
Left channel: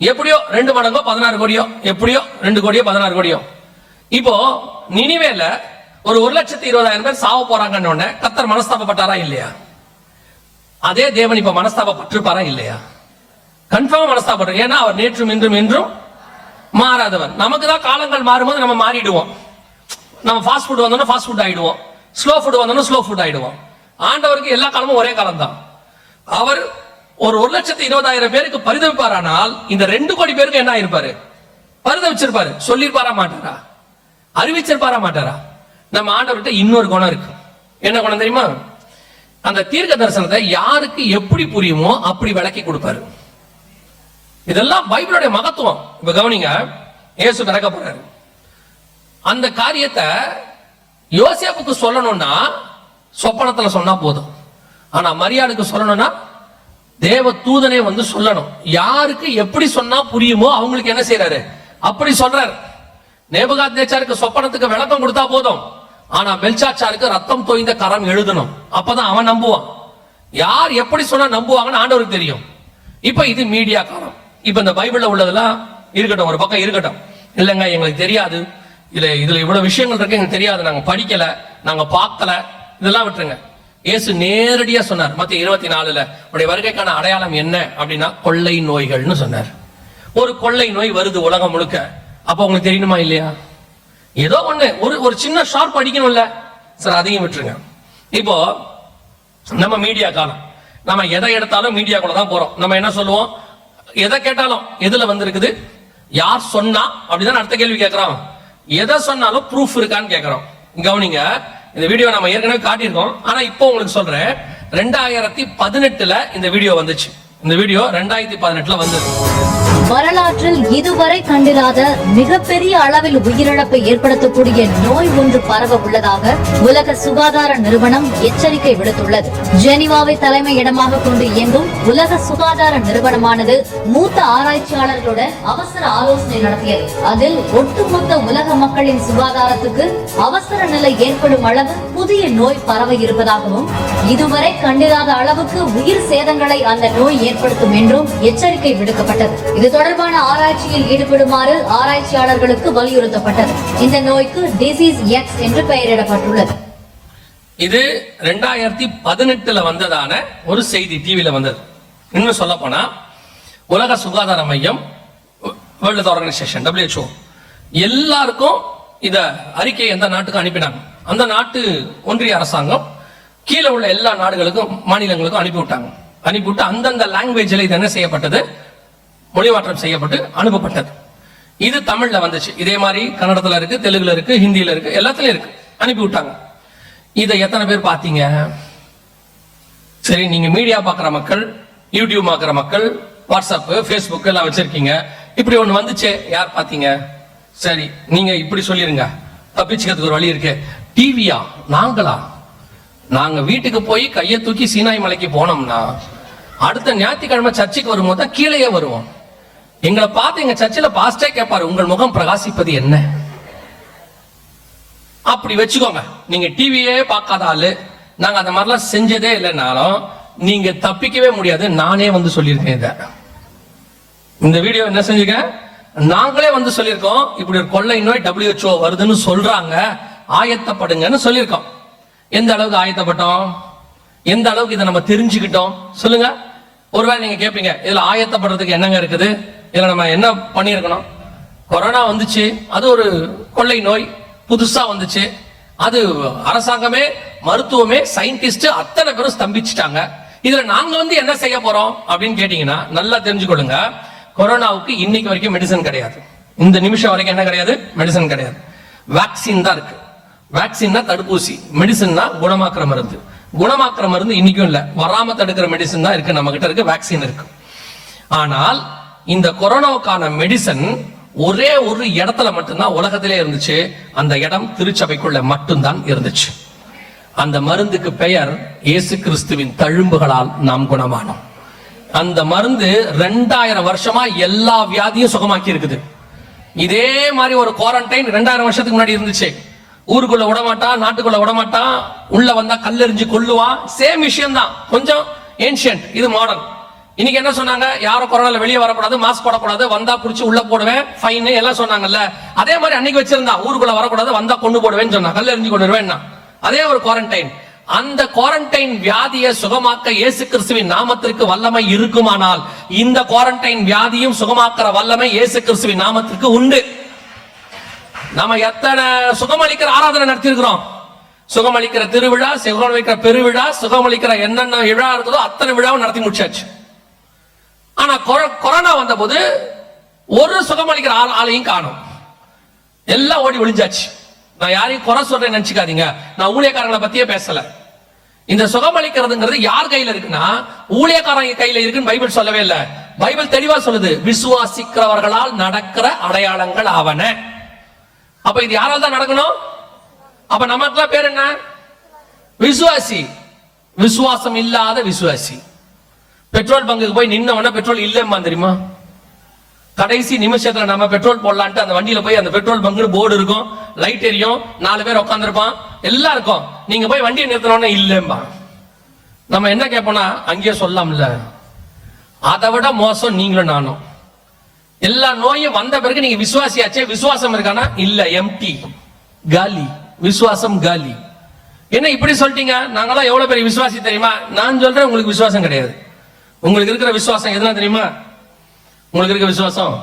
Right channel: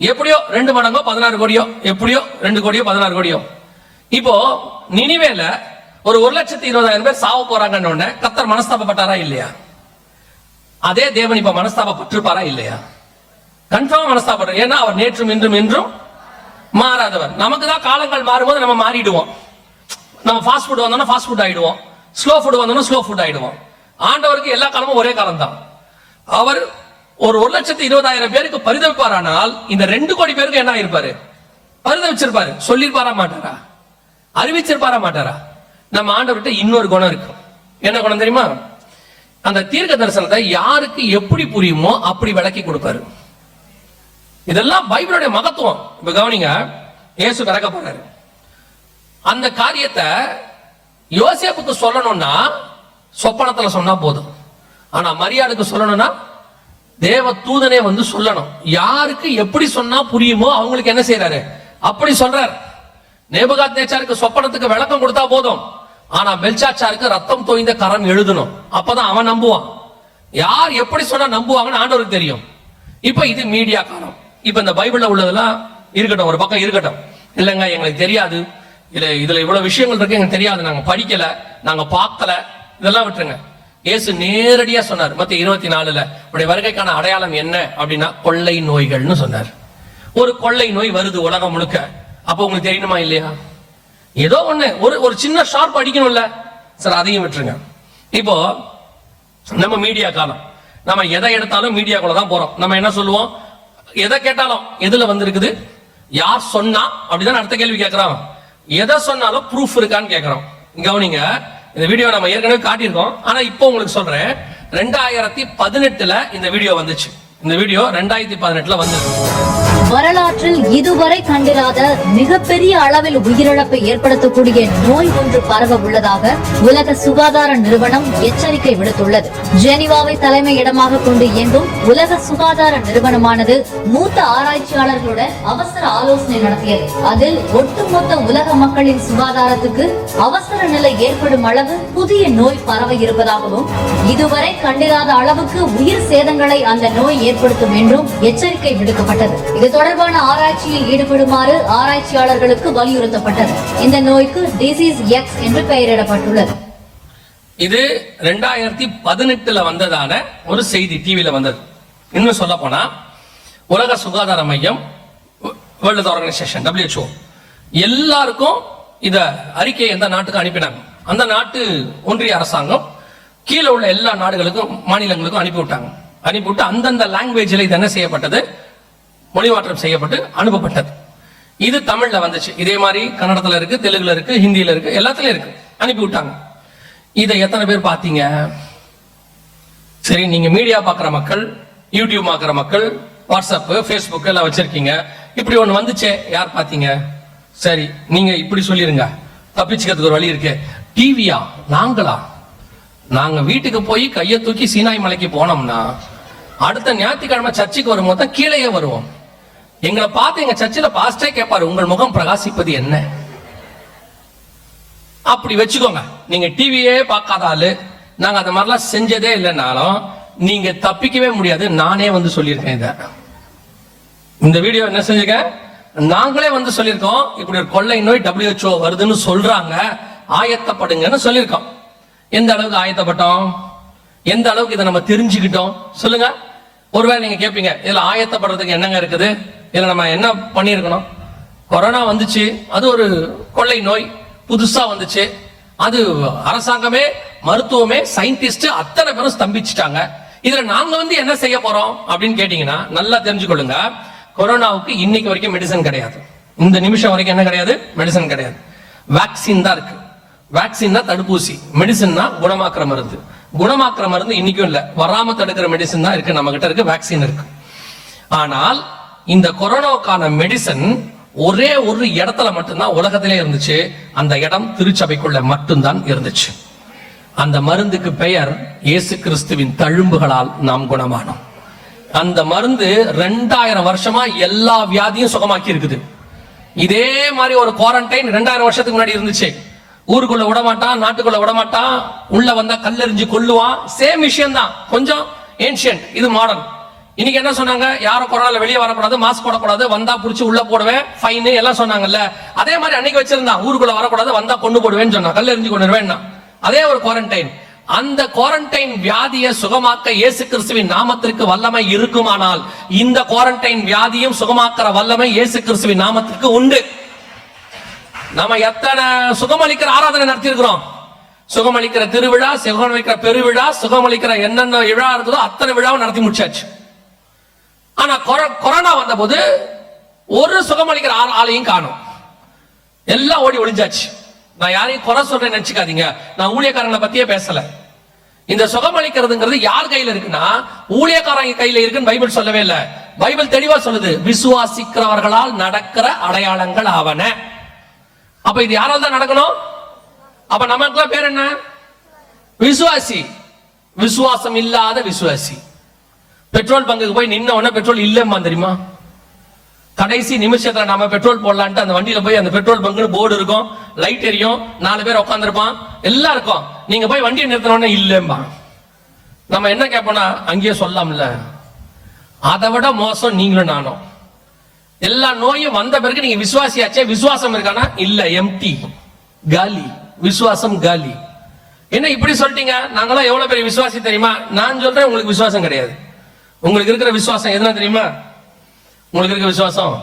எப்படியோ 2 மடங்கோ 16 கோடியோ, எப்படியோ 2 கோடியோ 16 கோடியோ. இப்போ நினிவேல ஒரு 1,20,000 பேர் சாவ போறாங்கன்னு உடனே கர்த்தர் மனஸ்தாபப்பட்டாரா இல்லையா? அதே தேவன் இப்ப மனஸ்தாபப்பட்டிருப்பாரா இல்லையா? கன்ஃபார்ம் மனஸ்தாபப்பட்டார். ஏன்னா அவர் நேற்றும் இன்றும் இன்றும் மாறாதவர். நமக்கு தான் காலங்கள் மாறும்போது நம்ம மாறிடுவோம். நம்ம ஃபாஸ்ட் ஃபுட் வந்தோம்னா ஃபாஸ்ட் ஃபுட் ஆயிடுவோம், ஸ்லோ ஃபுட் வந்தோம்னா ஸ்லோ ஃபுட் ஆயிடுவோம். ஆண்டவருக்கு எல்லா காலமும் ஒரே காலம் தான். அவர் ஒரு 1,20,000 பேருக்கு பரிதவிப்பாரானால் இந்த 2 கோடி பேருக்கு என்ன ஆயிருப்பாரு? பரிதவிச்சிருப்பாரு. சொல்லிருப்பாரா மாட்டாரா? அறிவிச்சிருப்பாரா மாட்டாரா? நம்ம ஆண்டவர்கிட்ட இன்னொரு குணம் இருக்கு. என்ன குணம் தெரியுமா? அந்த தீர்க்க தரிசனத்தை யாருக்கு எப்படி புரியுமோ அப்படி விளக்கி கொடுப்பாரு. இதெல்லாம் பைபிளுடைய மகத்துவம். இப்ப கவனிங்க, இயேசு பிறக்க போறாரு. அந்த காரியத்தை யோசேப்புக்கு சொல்லணும்னா சொப்பனத்துல சொன்னா போதும். ஆனா மரியாளுக்கு சொல்லணும்னா தேவ தூதனே வந்து சொல்லணும். யாருக்கு எப்படி சொன்னா புரியுமோ அவங்களுக்கு என்ன செய்யறாரு? அப்படி சொல்றாரு. நேபுகாத்நேச்சாருக்கு சொப்பனத்துக்கு விளக்கம் கொடுத்தா போதும். ஆனா பெல்சாச்சாருக்கு ரத்தம் தோய்ந்த கரம் எழுதணும். அப்பதான் அவன் நம்புவான். யார் எப்படி சொன்னா நம்புவாங்கன்னு ஆண்டவருக்கு தெரியும். இப்ப இது மீடியா காலம். இப்ப இந்த பைபிள்ல உள்ளதெல்லாம் இருக்கட்டும், ஒரு பக்கம் இருக்கட்டும். இல்லைங்க எங்களுக்கு தெரியாது, இதுல இவ்வளவு விஷயங்கள் இருக்கு, எங்களுக்கு தெரியாது, நாங்க படிக்கல, நாங்க பார்க்கல, இதெல்லாம் விட்டுருங்க. இயேசு நேரடியா சொன்னார். மத்திய 24 உடைய வருகைக்கான அடையாளம் என்ன அப்படின்னா கொள்ளை நோய்கள்னு சொன்னார். ஒரு கொள்ளை நோய் வருது உலகம் முழுக்க, அப்ப உங்களுக்கு தெரியணுமா இல்லையா? ஏதோ ஒண்ணு ஒரு சின்ன ஷார்ப் அடிக்கணும்ல சார், அதையும் விட்டுருங்க. இப்போ நம்ம மீடியா காலம், நம்ம எதை எடுத்தாலும் மீடியாக்குள்ள தான் போறோம். நம்ம என்ன சொல்லுவோம்? எதை கேட்டாலும் எதுல வந்திருக்குது, யார் சொன்னா அப்படிதான் அடுத்த கேள்வி கேட்கறோம். எதை சொன்னாலும் ப்ரூஃப் இருக்கான்னு கேட்கறோம். கவனிங்க, இந்த வீடியோ நம்ம ஏற்கனவே காட்டியிருக்கோம். ஆனா இப்போ உங்களுக்கு சொல்றேன், 2018 இந்த வீடியோ வந்துச்சு. இந்த வீடியோ 2018 வந்தது. வரலாற்றில் இதுவரை கண்டிராத மிகப்பெரிய அளவில் உயிரிழப்பை ஏற்படுத்தக்கூடிய நோய் ஒன்று பரவ உள்ளதாக உலக சுகாதார நிறுவனம் எச்சரிக்கை விடுத்துள்ளது. ஜெனீவாவை தலைமை இடமாக கொண்டு இயங்கும் உலக சுகாதார நிறுவனமானது மூத்த ஆராய்ச்சியாளர்களுடன் அவசர ஆலோசனை நடத்தியது. அதில் ஒட்டுமொத்த உலக மக்களின் சுகாதாரத்துக்கு அவசர நிலை ஏற்படும் அளவு புதிய நோய் பரவ இருப்பதாகவும், இதுவரை கண்டிராத அளவுக்கு உயிர் சேதங்களை அந்த நோய் ஏற்படுத்தும் என்றும் எச்சரிக்கை விடுக்கப்பட்டது. இது தொடர்பான ஆராய்ச்சியில் ஈடுபடுமாறு ஆராய்ச்சியாளர்களுக்கு வலியுறுத்தப்பட்டது. இந்த நோய்க்கு டிசீஸ் எக்ஸ் என்று பெயரிடப்பட்டுள்ளது. இது 2018 வந்ததான ஒரு செய்தி, டிவியில வந்தது. இன்னும் சொல்ல போனா உலக சுகாதார மையம், வேர்ல்ட் ஆர்கனைசேஷன் WHO எல்லாருக்கும் இத அறிக்கையை எந்த நாட்டுக்கு அனுப்பினாங்க. அந்த நாட்டு ஒன்றிய அரசாங்கம் கீழே உள்ள எல்லா நாடுகளுக்கும் மாநிலங்களுக்கும் அனுப்பிவிட்டாங்க. அனுப்பிவிட்டு அந்தந்த லாங்குவேஜில் இது என்ன செய்யப்பட்டது, மொழிமாற்றம் செய்யப்பட்டு அனுப்பப்பட்டது. இது தமிழ்ல வந்துச்சு. இதே மாதிரி கன்னடத்துல இருக்கு, தெலுங்குல இருக்கு, ஹிந்தியில இருக்கு, எல்லாத்துலயும் இருக்கு. அனுப்பி விட்டாங்க. இதை எத்தனை பேர் பாத்தீங்க? சரி, நீங்க மீடியா பாக்குற மக்கள், யூடியூப் பாக்குற மக்கள், வாட்ஸ்அப், ஃபேஸ்புக் எல்லாம் வச்சிருக்கீங்க. இப்படி ஒண்ணு வந்துச்சு, யார் பாத்தீங்க? சரி, நீங்க இப்படி சொல்லிருங்க, தப்பிச்சுக்கிறதுக்கு ஒரு வழி இருக்கு. டிவியா? நாங்க வீட்டுக்கு போய் கையை தூக்கி சீனாய் மலைக்கு போனோம்னா அடுத்த ஞாயிற்றுக்கிழமை சர்ச்சுக்கு வரும்போது தான் கீழே வருவோம். எங்களை பார்த்து எங்க சர்ச்சில் பாஸ்டே கேட்பாரு, உங்கள் முகம் பிரகாசிப்பது என்ன? அப்படி வச்சுக்கோங்க. நீங்க டிவியே பார்க்காத ஆளு, நாங்க அந்த மாதிரிலாம் செஞ்சதே இல்லைன்னாலும் நீங்க தப்பிக்கவே முடியாது. நானே வந்து சொல்லியிருக்கேன். இந்த வீடியோ என்ன செஞ்சிருக்கேன், நாங்களே வந்து சொல்லியிருக்கோம். இப்படி ஒரு கொள்ளை நோய் WHO வருதுன்னு சொல்றாங்க, ஆயத்தப்படுங்கன்னு சொல்லியிருக்கோம். எந்த அளவுக்கு ஆயத்தப்பட்டோம், எந்த அளவுக்கு இதை நம்ம தெரிஞ்சுக்கிட்டோம் சொல்லுங்க. ஒருவேளை நீங்க கேட்பீங்க, இதுல ஆயத்தப்படுறதுக்கு என்னங்க இருக்குது, இதுல நம்ம என்ன பண்ணிருக்கணும்? கொரோனா வந்துச்சு, அது ஒரு கொள்ளை நோய், புதுசா வந்துச்சு. அது அரசாங்கமே, மருத்துவமே, சயின்டிஸ்ட் அத்தனை பேரும் ஸ்தம்பிச்சுட்டாங்க. இதுல நாங்க வந்து என்ன செய்ய போறோம் அப்படின்னு கேட்டீங்கன்னா, நல்லா தெரிஞ்சுக்கொள்ளுங்க. கொரோனாவுக்கு இன்னைக்கு வரைக்கும் மெடிசன் கிடையாது. இந்த நிமிஷம் வரைக்கும் என்ன கிடையாது, மெடிசன் கிடையாது. வேக்சின் தான் இருக்கு. வேக்சின்னா தடுப்பூசி, மெடிசன்னா குணமாக்குற மருந்து. குணமாக்குற மருந்து இன்னைக்கும் இல்ல, வராம தடுக்கிற மெடிசன் தான் இருக்கு. நம்ம கிட்ட இருக்கு, வேக்சின் இருக்கு. ஆனால் இந்த கொரோனாவுக்கான மெடிசன் ஒரே ஒரு இடத்துல மட்டும்தான் உலகத்திலே இருந்துச்சு. அந்த இடம் திருச்சபைக்குள்ள மட்டும்தான் இருந்துச்சு. அந்த மருந்துக்கு பெயர் இயேசு கிறிஸ்துவின் தழும்புகளால் நாம் குணமானோம். அந்த மருந்து 2000 வருஷமா எல்லா வியாதியும் சுகமாக்கி இருக்குது. இதே மாதிரி ஒரு குவாரண்டைன் 2000 வருஷத்துக்கு முன்னாடி இருந்துச்சு. ஊருக்குள்ள விடமாட்டான், நாட்டுக்குள்ள விடமாட்டான், உள்ள வந்தா கல்லெறிஞ்சு கொல்லுவான். சேம் விஷயம் தான், கொஞ்சம் ஏன்ஷியன்ட், இது மாடர்ன். இன்னைக்கு என்ன சொன்னாங்க, யாரும் கொரோனால வெளியே வரக்கூடாது, மாஸ்க் போடக்கூடாது, வந்தா புடிச்சு உள்ள போடுவேன், ஃபைன் எல்லாம் சொன்னாங்கல்ல. அதே மாதிரி அன்னைக்கு வச்சிருந்தான், ஊருக்குள்ள வரக்கூடாது, வந்தா கொண்டு போடுவேன்னு சொன்னா, கல்லெறிஞ்சு கொண்டுருவேன். அதே ஒரு குவாரண்டைன். அந்த குவாரண்டைன் வியாதியை சுகமாக்க இயேசு கிறிஸ்துவின் நாமத்திற்கு வல்லமை இருக்குமானால், இந்த குவாரண்டைன் வியாதியும் சுகமாக்குற வல்லமை இயேசு கிறிஸ்துவின் நாமத்திற்கு உண்டு. நாம எத்தனை சுகமளிக்கிற ஆராதனை நடத்தி இருக்கிறோம். சுகமளிக்கிற திருவிழா, சுகமளிக்கிற பெருவிழா, சுகமளிக்கிற என்னென்ன விழா இருக்குதோ அத்தனை விழாவும் நடத்தி முடிச்சாச்சு. ஆனா கொரோனா வந்த போது ஒரு சுகமளிக்கிற ஆளையும் காணும், எல்லாம் ஓடி ஒளிஞ்சாச்சு. நான் யாரையும் குறை சொல்றேன்னு நினைச்சுக்காதீங்க, நான் ஊழியக்காரங்களை பத்தியே பேசல. இந்த சுகமளிக்கிறதுங்கிறது யார் கையில இருக்குன்னா, ஊழியக்காரங்க கையில இருக்குன்னு பைபிள் சொல்லவே இல்லை. பைபிள் தெளிவா சொல்லுது, விசுவாசிக்கிறவர்களால் நடக்கிற அடையாளங்கள் ஆவன. அப்ப இது யாரால் தான் நடக்கணும்? அப்ப நமக்குலாம் பேர் என்ன? விசுவாசி. விசுவாசம் இல்லாத விசுவாசி. பெட்ரோல் பங்குக்கு போய் நின்ன உடனே பெட்ரோல் இல்லம்மா தெரியுமா? கடைசி நிமிஷத்துல நாம பெட்ரோல் போடலான்ட்டு அந்த வண்டியில போய் அந்த பெட்ரோல் பங்குன்னு போர்டு இருக்கும், லைட் எரியும், 4 பேர் உட்காந்துருப்பான், எல்லாம் இருக்கும். நீங்க போய் வண்டியை நிறுத்தின இல்லம்பா. நம்ம என்ன கேட்போம்னா, அங்கேயே சொல்லலாம்ல. அதை விட மோசம் நீங்களும் நானும். எல்லா நோயும் வந்த பிறகு நீங்க விசுவாசியாச்சே, விசுவாசம் இருக்கானா? இல்ல, எம்டி, காலி. விசுவாசம் காலி. என்ன இப்படி சொல்லிட்டீங்க? நாங்களாம் எவ்வளவு பெரிய விசுவாசி தெரியுமா? நான் சொல்றேன், உங்களுக்கு விசுவாசம் கிடையாது. உங்களுக்கு இருக்கிற விசுவாசம் எதுனா தெரியுமா? உங்களுக்கு இருக்க விசுவாசம்?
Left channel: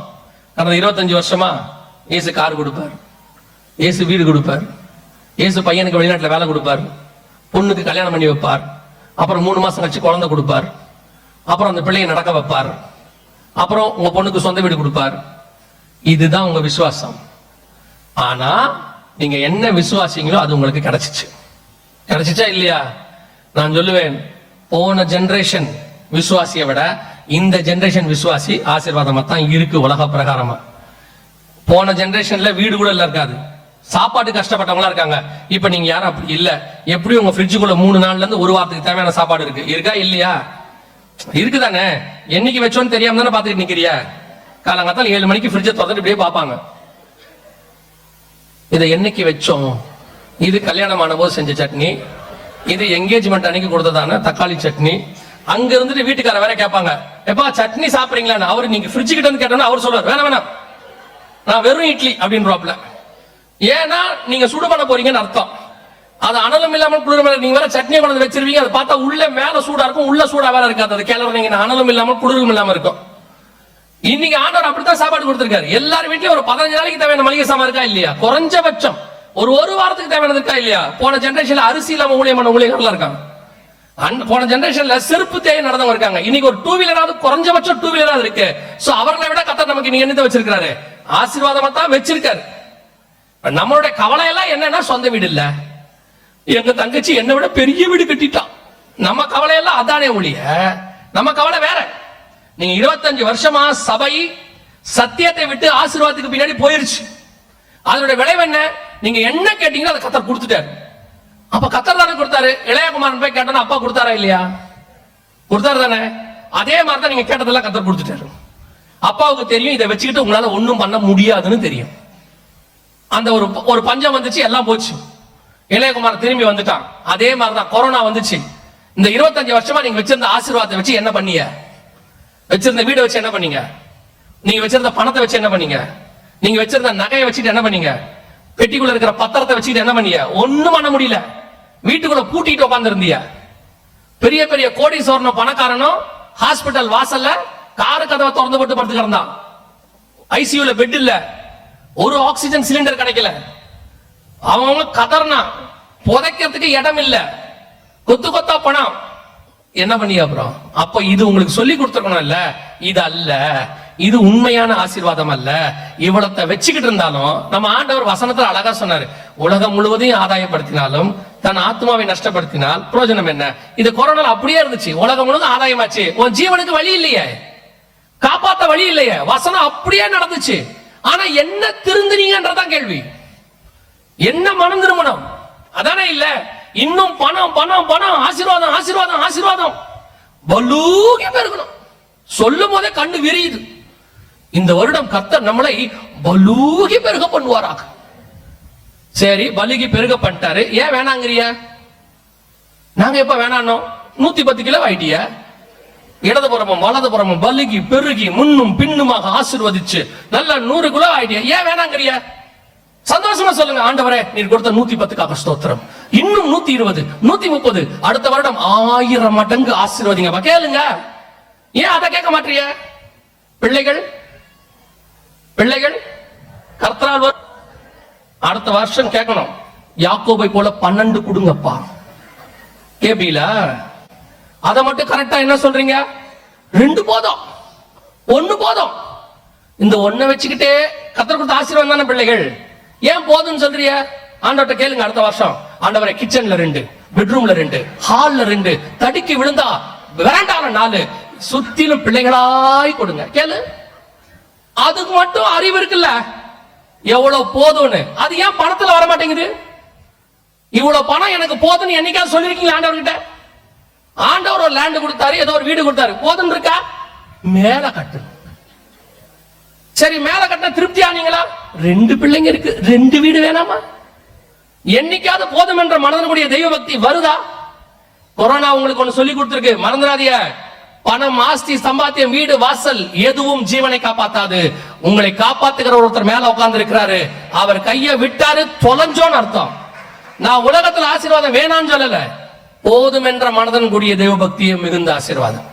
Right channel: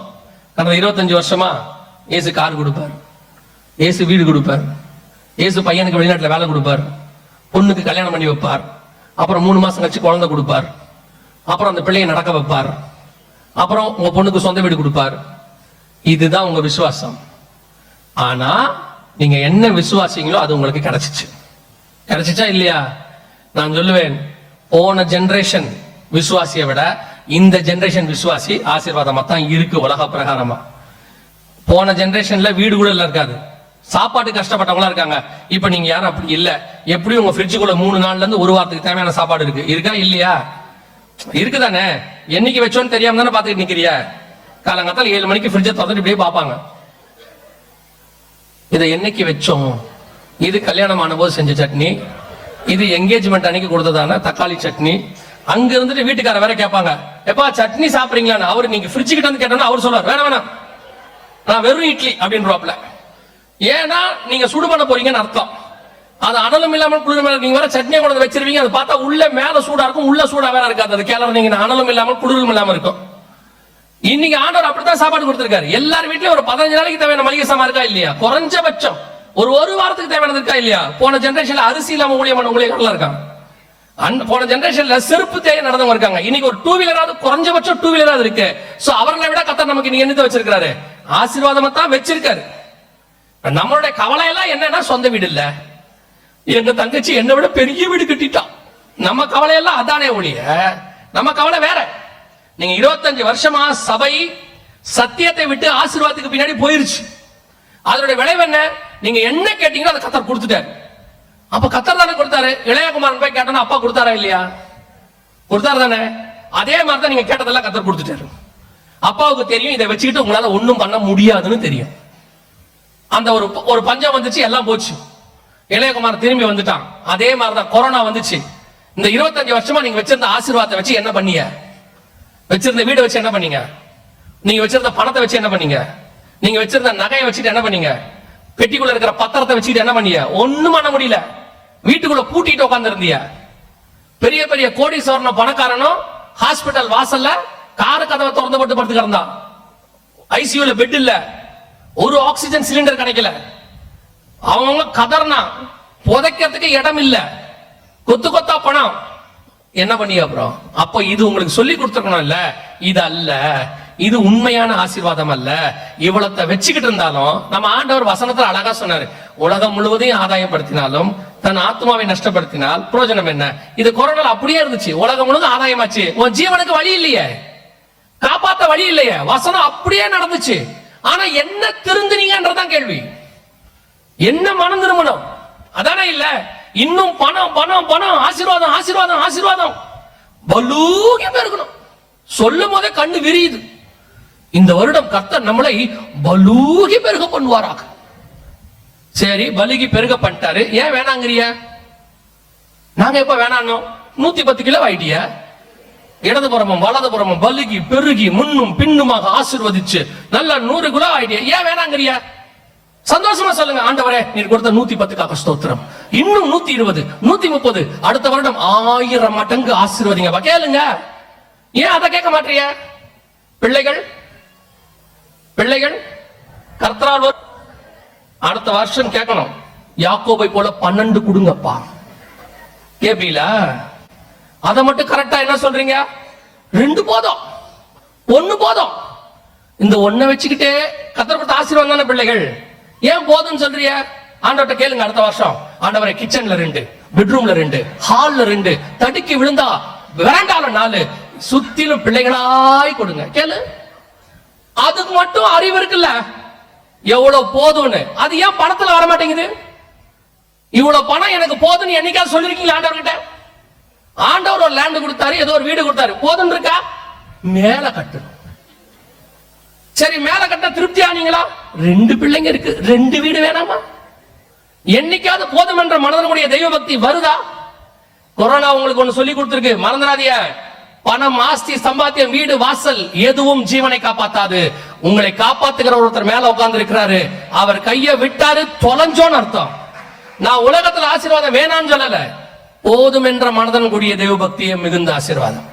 கடந்த 25 வருஷமா இயேசு கார் கொடுப்பார், இயேசு வீடு கொடுப்பார், இயேசு பையனுக்கு வெளிநாட்டுல வேலை கொடுப்பார், பொண்ணுக்கு கல்யாணம் பண்ணி வைப்பார், அப்புறம் 3 மாசம் கழிச்சு குழந்தை கொடுப்பார், அப்புறம் அந்த பிள்ளையை நடக்க வைப்பார், அப்புறம் உங்க பொண்ணுக்கு சொந்த வீடு கொடுப்பார். இதுதான் உங்க விசுவாசம். ஆனா நீங்க என்ன விசுவாசிங்களோ அது உங்களுக்கு கிடைச்சிச்சா இல்லையா? நான் சொல்லுவேன், போன ஜெனரேஷன் விசுவாசியை விட இந்த ஜெனரேஷன் விசுவாசி ஆசீர்வாதமா தான் இருக்கு உலக பிரகாரமா. போன ஜெனரேஷன்ல வீடு கூட இல்ல இருக்காது, சாப்பாடு கஷ்டப்பட்டவங்களா இருக்காங்க. இப்ப நீங்க யாரும் அப்படி இல்ல. எப்படி உங்க ஃப்ரிட்ஜுக்குள்ள 3 நாள்ல இருந்து ஒரு வாரத்துக்கு தேவையான சாப்பாடு இருக்கா இல்லையா? இருக்குதானே? என்னைக்கு வச்சோன்னு தெரியாம தானே பாத்துட்டு நிக்கிறியா? காலங்காத்தால 7 மணிக்கு ஃப்ரிட்ஜை திறந்துட்டு இப்படியே பாப்பாங்க, இதை என்னைக்கு வச்சோம்? இது கல்யாணம் ஆன போது செஞ்ச சட்னி, இது என்கேஜ்மெண்ட் அன்னைக்கு கொடுத்ததான தக்காளி சட்னி. அங்க இருந்துட்டு வீட்டுக்கார வேற கேட்பாங்க, எப்பா சட்னி சாப்பிடுறீங்களான்னு. அவரு நீங்க ஃப்ரிட்ஜ் கிட்ட வந்து கேட்டா அவர் சொல்றாரு, வேணாம் நான் வெறும் இட்லி அப்படின்றாப்ல. ஏன்னா நீங்க சுடு பண்ண போறீங்கன்னு அர்த்தம். அது அனலும் இல்லாமல் குளிரும். நீங்க வேற சட்னியை கொண்டு வச்சிருவீங்க, அது பார்த்தா உள்ள மேல சூடா இருக்கும், உள்ள சூடா வேற இருக்காது. அது கிளம்புனீங்க அனலும் இல்லாமல் குளிரும் இல்லாம இருக்கும். இன்னைக்கு ஆண்டவர் அப்படித்தான் சாப்பாடு கொடுத்திருக்காரு. எல்லார் வீட்லயும் ஒரு 15 நாளைக்கு தேவையான மளிகை சாமான் இருக்கா இல்லையா? குறைஞ்சபட்சம் ஒரு வாரத்துக்கு தேவையானது இருக்கா இல்லையா? போன ஜெனரேஷன்ல அரிசி இல்லாம ஊழியமான ஊழியர்கள் இருக்காங்க. போன ஜெனரேஷன்ல செருப்பு தேய நடந்தவங்க இருக்காங்க. இன்னைக்கு ஒரு 2 வீலராவது, குறைஞ்சபட்சம் 2 வீலராவது இருக்கு. சோ அவர்களை விட கர்த்தர் நமக்கு நீங்க என்னத்தை வச்சிருக்காரு? ஆசீர்வாதமா தான் வச்சிருக்காரு. நம்மளுடைய கவலை எல்லாம் என்னன்னா சொந்த வீடு இல்ல, எங்க தங்கச்சி என்னை விட பெரிய வீடு கட்டிட்டான். நம்ம கவலை எல்லாம் அதானே ஒழிய நம்ம கவலை வேற. நீங்க 25 வருஷமா சபை சத்தியத்தை விட்டு ஆசீர்வாதத்துக்கு பின்னாடி போயிருச்சு. அதனுடைய விளைவு என்ன? நீங்க என்ன கேட்டீங்களோ அதை கர்த்தர் கொடுத்துட்டாரு. அப்ப கர்த்தர் தானே கொடுத்தாரு. இளையகுமாரன் போய் கேட்டா அப்பா கொடுத்தாரா இல்லையா? கொடுத்தாரு தானே. அதே மாதிரி தான் நீங்க கேட்டதெல்லாம் கர்த்தர் கொடுத்துட்டாரு. அப்பாவுக்கு தெரியும் இதை வச்சுக்கிட்டு உங்களால ஒண்ணும் பண்ண முடியாதுன்னு தெரியும். அந்த ஒரு பஞ்சம் வந்துச்சு, எல்லாம் போச்சு. இளையகுமாரன் திரும்பி வந்துட்டான். அதே மாதிரிதான் கொரோனா வந்துச்சு. இந்த 25 வருஷமா நீங்க வச்சிருந்த ஆசீர்வாதத்தை வச்சு என்ன பண்ணீங்க? வச்சிருந்த வீடு வச்சு என்ன பண்ணீங்க? நீங்க வச்சிருந்த பணத்தை வச்சு என்ன பண்ணீங்க? நீங்க வச்சிருந்த நகையை வச்சுட்டு என்ன பண்ணீங்க? பெட்டிக்குள்ள இருக்கிற பத்திரத்தை வச்சுட்டு என்ன பண்ணீங்க? ஒண்ணும் பண்ண முடியல. வீட்டுக்குள்ள பூட்டிட்டு உட்கார்ந்து இருந்தீங்க. பெரிய பெரிய கோடீஸ்வரனும் பணக்காரனும் ஹாஸ்பிட்டல் வாசல்ல காரு கதவை திறந்து போட்டு படுத்து கிடந்தான். ஐசியூல பெட் இல்ல, ஒரு ஆக்சிஜன் சிலிண்டர் கிடைக்கல. அவங்க கதர்னா புதைக்கிறதுக்கு இடம் இல்ல, கொத்து கொத்தா பணம். என்ன பண்ணி அப்புறம்? அப்ப இது உங்களுக்கு சொல்லி கொடுத்துருக்கணும் இல்ல, இது அல்ல, இது உண்மையான ஆசீர்வாதம் அல்ல. இவ்வளத்தை வச்சுக்கிட்டு இருந்தாலும் நம்ம ஆண்டவர் வசனத்துல அழகா சொன்னாரு, உலகம் முழுவதையும் ஆதாயப்படுத்தினாலும் தன் ஆத்மாவை நஷ்டப்படுத்தினால் பிரயோஜனம் என்ன? இது கொரோனா அப்படியே இருந்துச்சு. உலகம் முழுவதும் ஆதாயமாச்சு, உன் ஜீவனுக்கு வழி இல்லையே, காப்பாத்த வழி இல்லையே. வசனம் அப்படியே நடந்துச்சு. ஆனா என்ன திருந்தினீங்கன்றதான் கேள்வி. என்ன மனம் திருமணம்? அதானே இல்ல. இன்னும் பணம் பணம் பணம், ஆசீர்வாதம் ஆசீர்வாதம் ஆசீர்வாதம் பலூகி பெருகணும். சொல்லும் போதே கண்ணு விரியுது. இந்த வருடம் கர்த்தர் நம்மளை பலூகி பெருக பண்ணுவாராக. சரி, பலுகி பெருக பண்ணிட்டாரு, ஏன் வேணாங்கிறிய? நாங்க எப்ப வேணானோம்? 110 கிலோ ஆயிட்டிய. இடது புறமும் வலது புறமும் பலுகி பெருகி முன்னும் பின்னுமாக ஆசீர்வதிச்சு நல்லா 100 கிலோ ஆயிட்டிய, ஏன் வேணாங்கிறிய? சந்தோஷமா சொல்லுங்க, ஆண்டவரே நீர் கொடுத்த 110க்காக ஸ்தோத்திரம். இன்னும் 120, 130, அடுத்த வருடம் 1000 மடங்கு ஆசீர்வதிங்க. கேளுங்க. ஏன் அதை கேட்க மாட்டீங்க? பிள்ளைகள் பிள்ளைகள் கர்த்தரால் அடுத்த வருஷம் கேட்கணும், யாக்கோபை போல 12 கொடுங்கப்பா. கேப்பீங்களா? அதை மட்டும் கரெக்டா என்ன சொல்றீங்க? 2 போதும், 1 போதும். இந்த 1 வச்சுக்கிட்டே கர்த்தர் கொடுத்த ஆசீர்வாதம் தானே பிள்ளைகள். ஏன் போதும்னு சொல்றீங்க? ஆண்டவர்கிட்ட கேளுங்க. அடுத்த வருஷம் ஆண்டவரை கிச்சன்ல 2, பெட்ரூம்ல 2, ஹால்ல 2, தடுக்கி விழுந்தா வெராண்டால 4, சுத்திலும் பிள்ளைகளாய் கொடுங்க. கேளு. அதுக்கு மட்டும் அறிவு இருக்குல்ல, எவ்வளவு போதும்னு. அது ஏன் பணத்துல வர மாட்டேங்குது? இவ்வளவு பணம் எனக்கு போதும்னு என்னைக்காவது சொல்லிருக்கீங்களா ஆண்டவர்கிட்ட? ஆண்டவர் ஒரு லேண்ட் கொடுத்தாரு, ஏதோ ஒரு வீடு கொடுத்தாரு, போதும் இருக்கா? மேல கட்டு. சரி, மேல கட்ட திருப்தி ஆனீங்களா? 2 பிள்ளைங்க இருக்கு, 2 வீடு வேணாமா? என்னைக்காவது போதும் என்ற மனதனுடைய தெய்வ பக்தி வருதா? கொரோனா உங்களுக்கு ஒண்ணு சொல்லி கொடுத்திருக்கு, மறந்துடாதீங்க. பணம், ஆஸ்தி, சம்பாத்தியம், வீடு, வாசல் எதுவும் ஜீவனை காப்பாத்தாது. உங்களை காப்பாத்துகிற ஒருத்தர் மேல உட்கார்ந்து இருக்கிறாரு. அவர் கையை விட்டாரு தொலைஞ்சோன்னு அர்த்தம். நான் உலகத்துல ஆசீர்வாதம் வேணான்னு சொல்லல, போதும் என்ற மனதன் கூடிய தெய்வ பக்தியை மிகுந்த ஆசீர்வாதம்.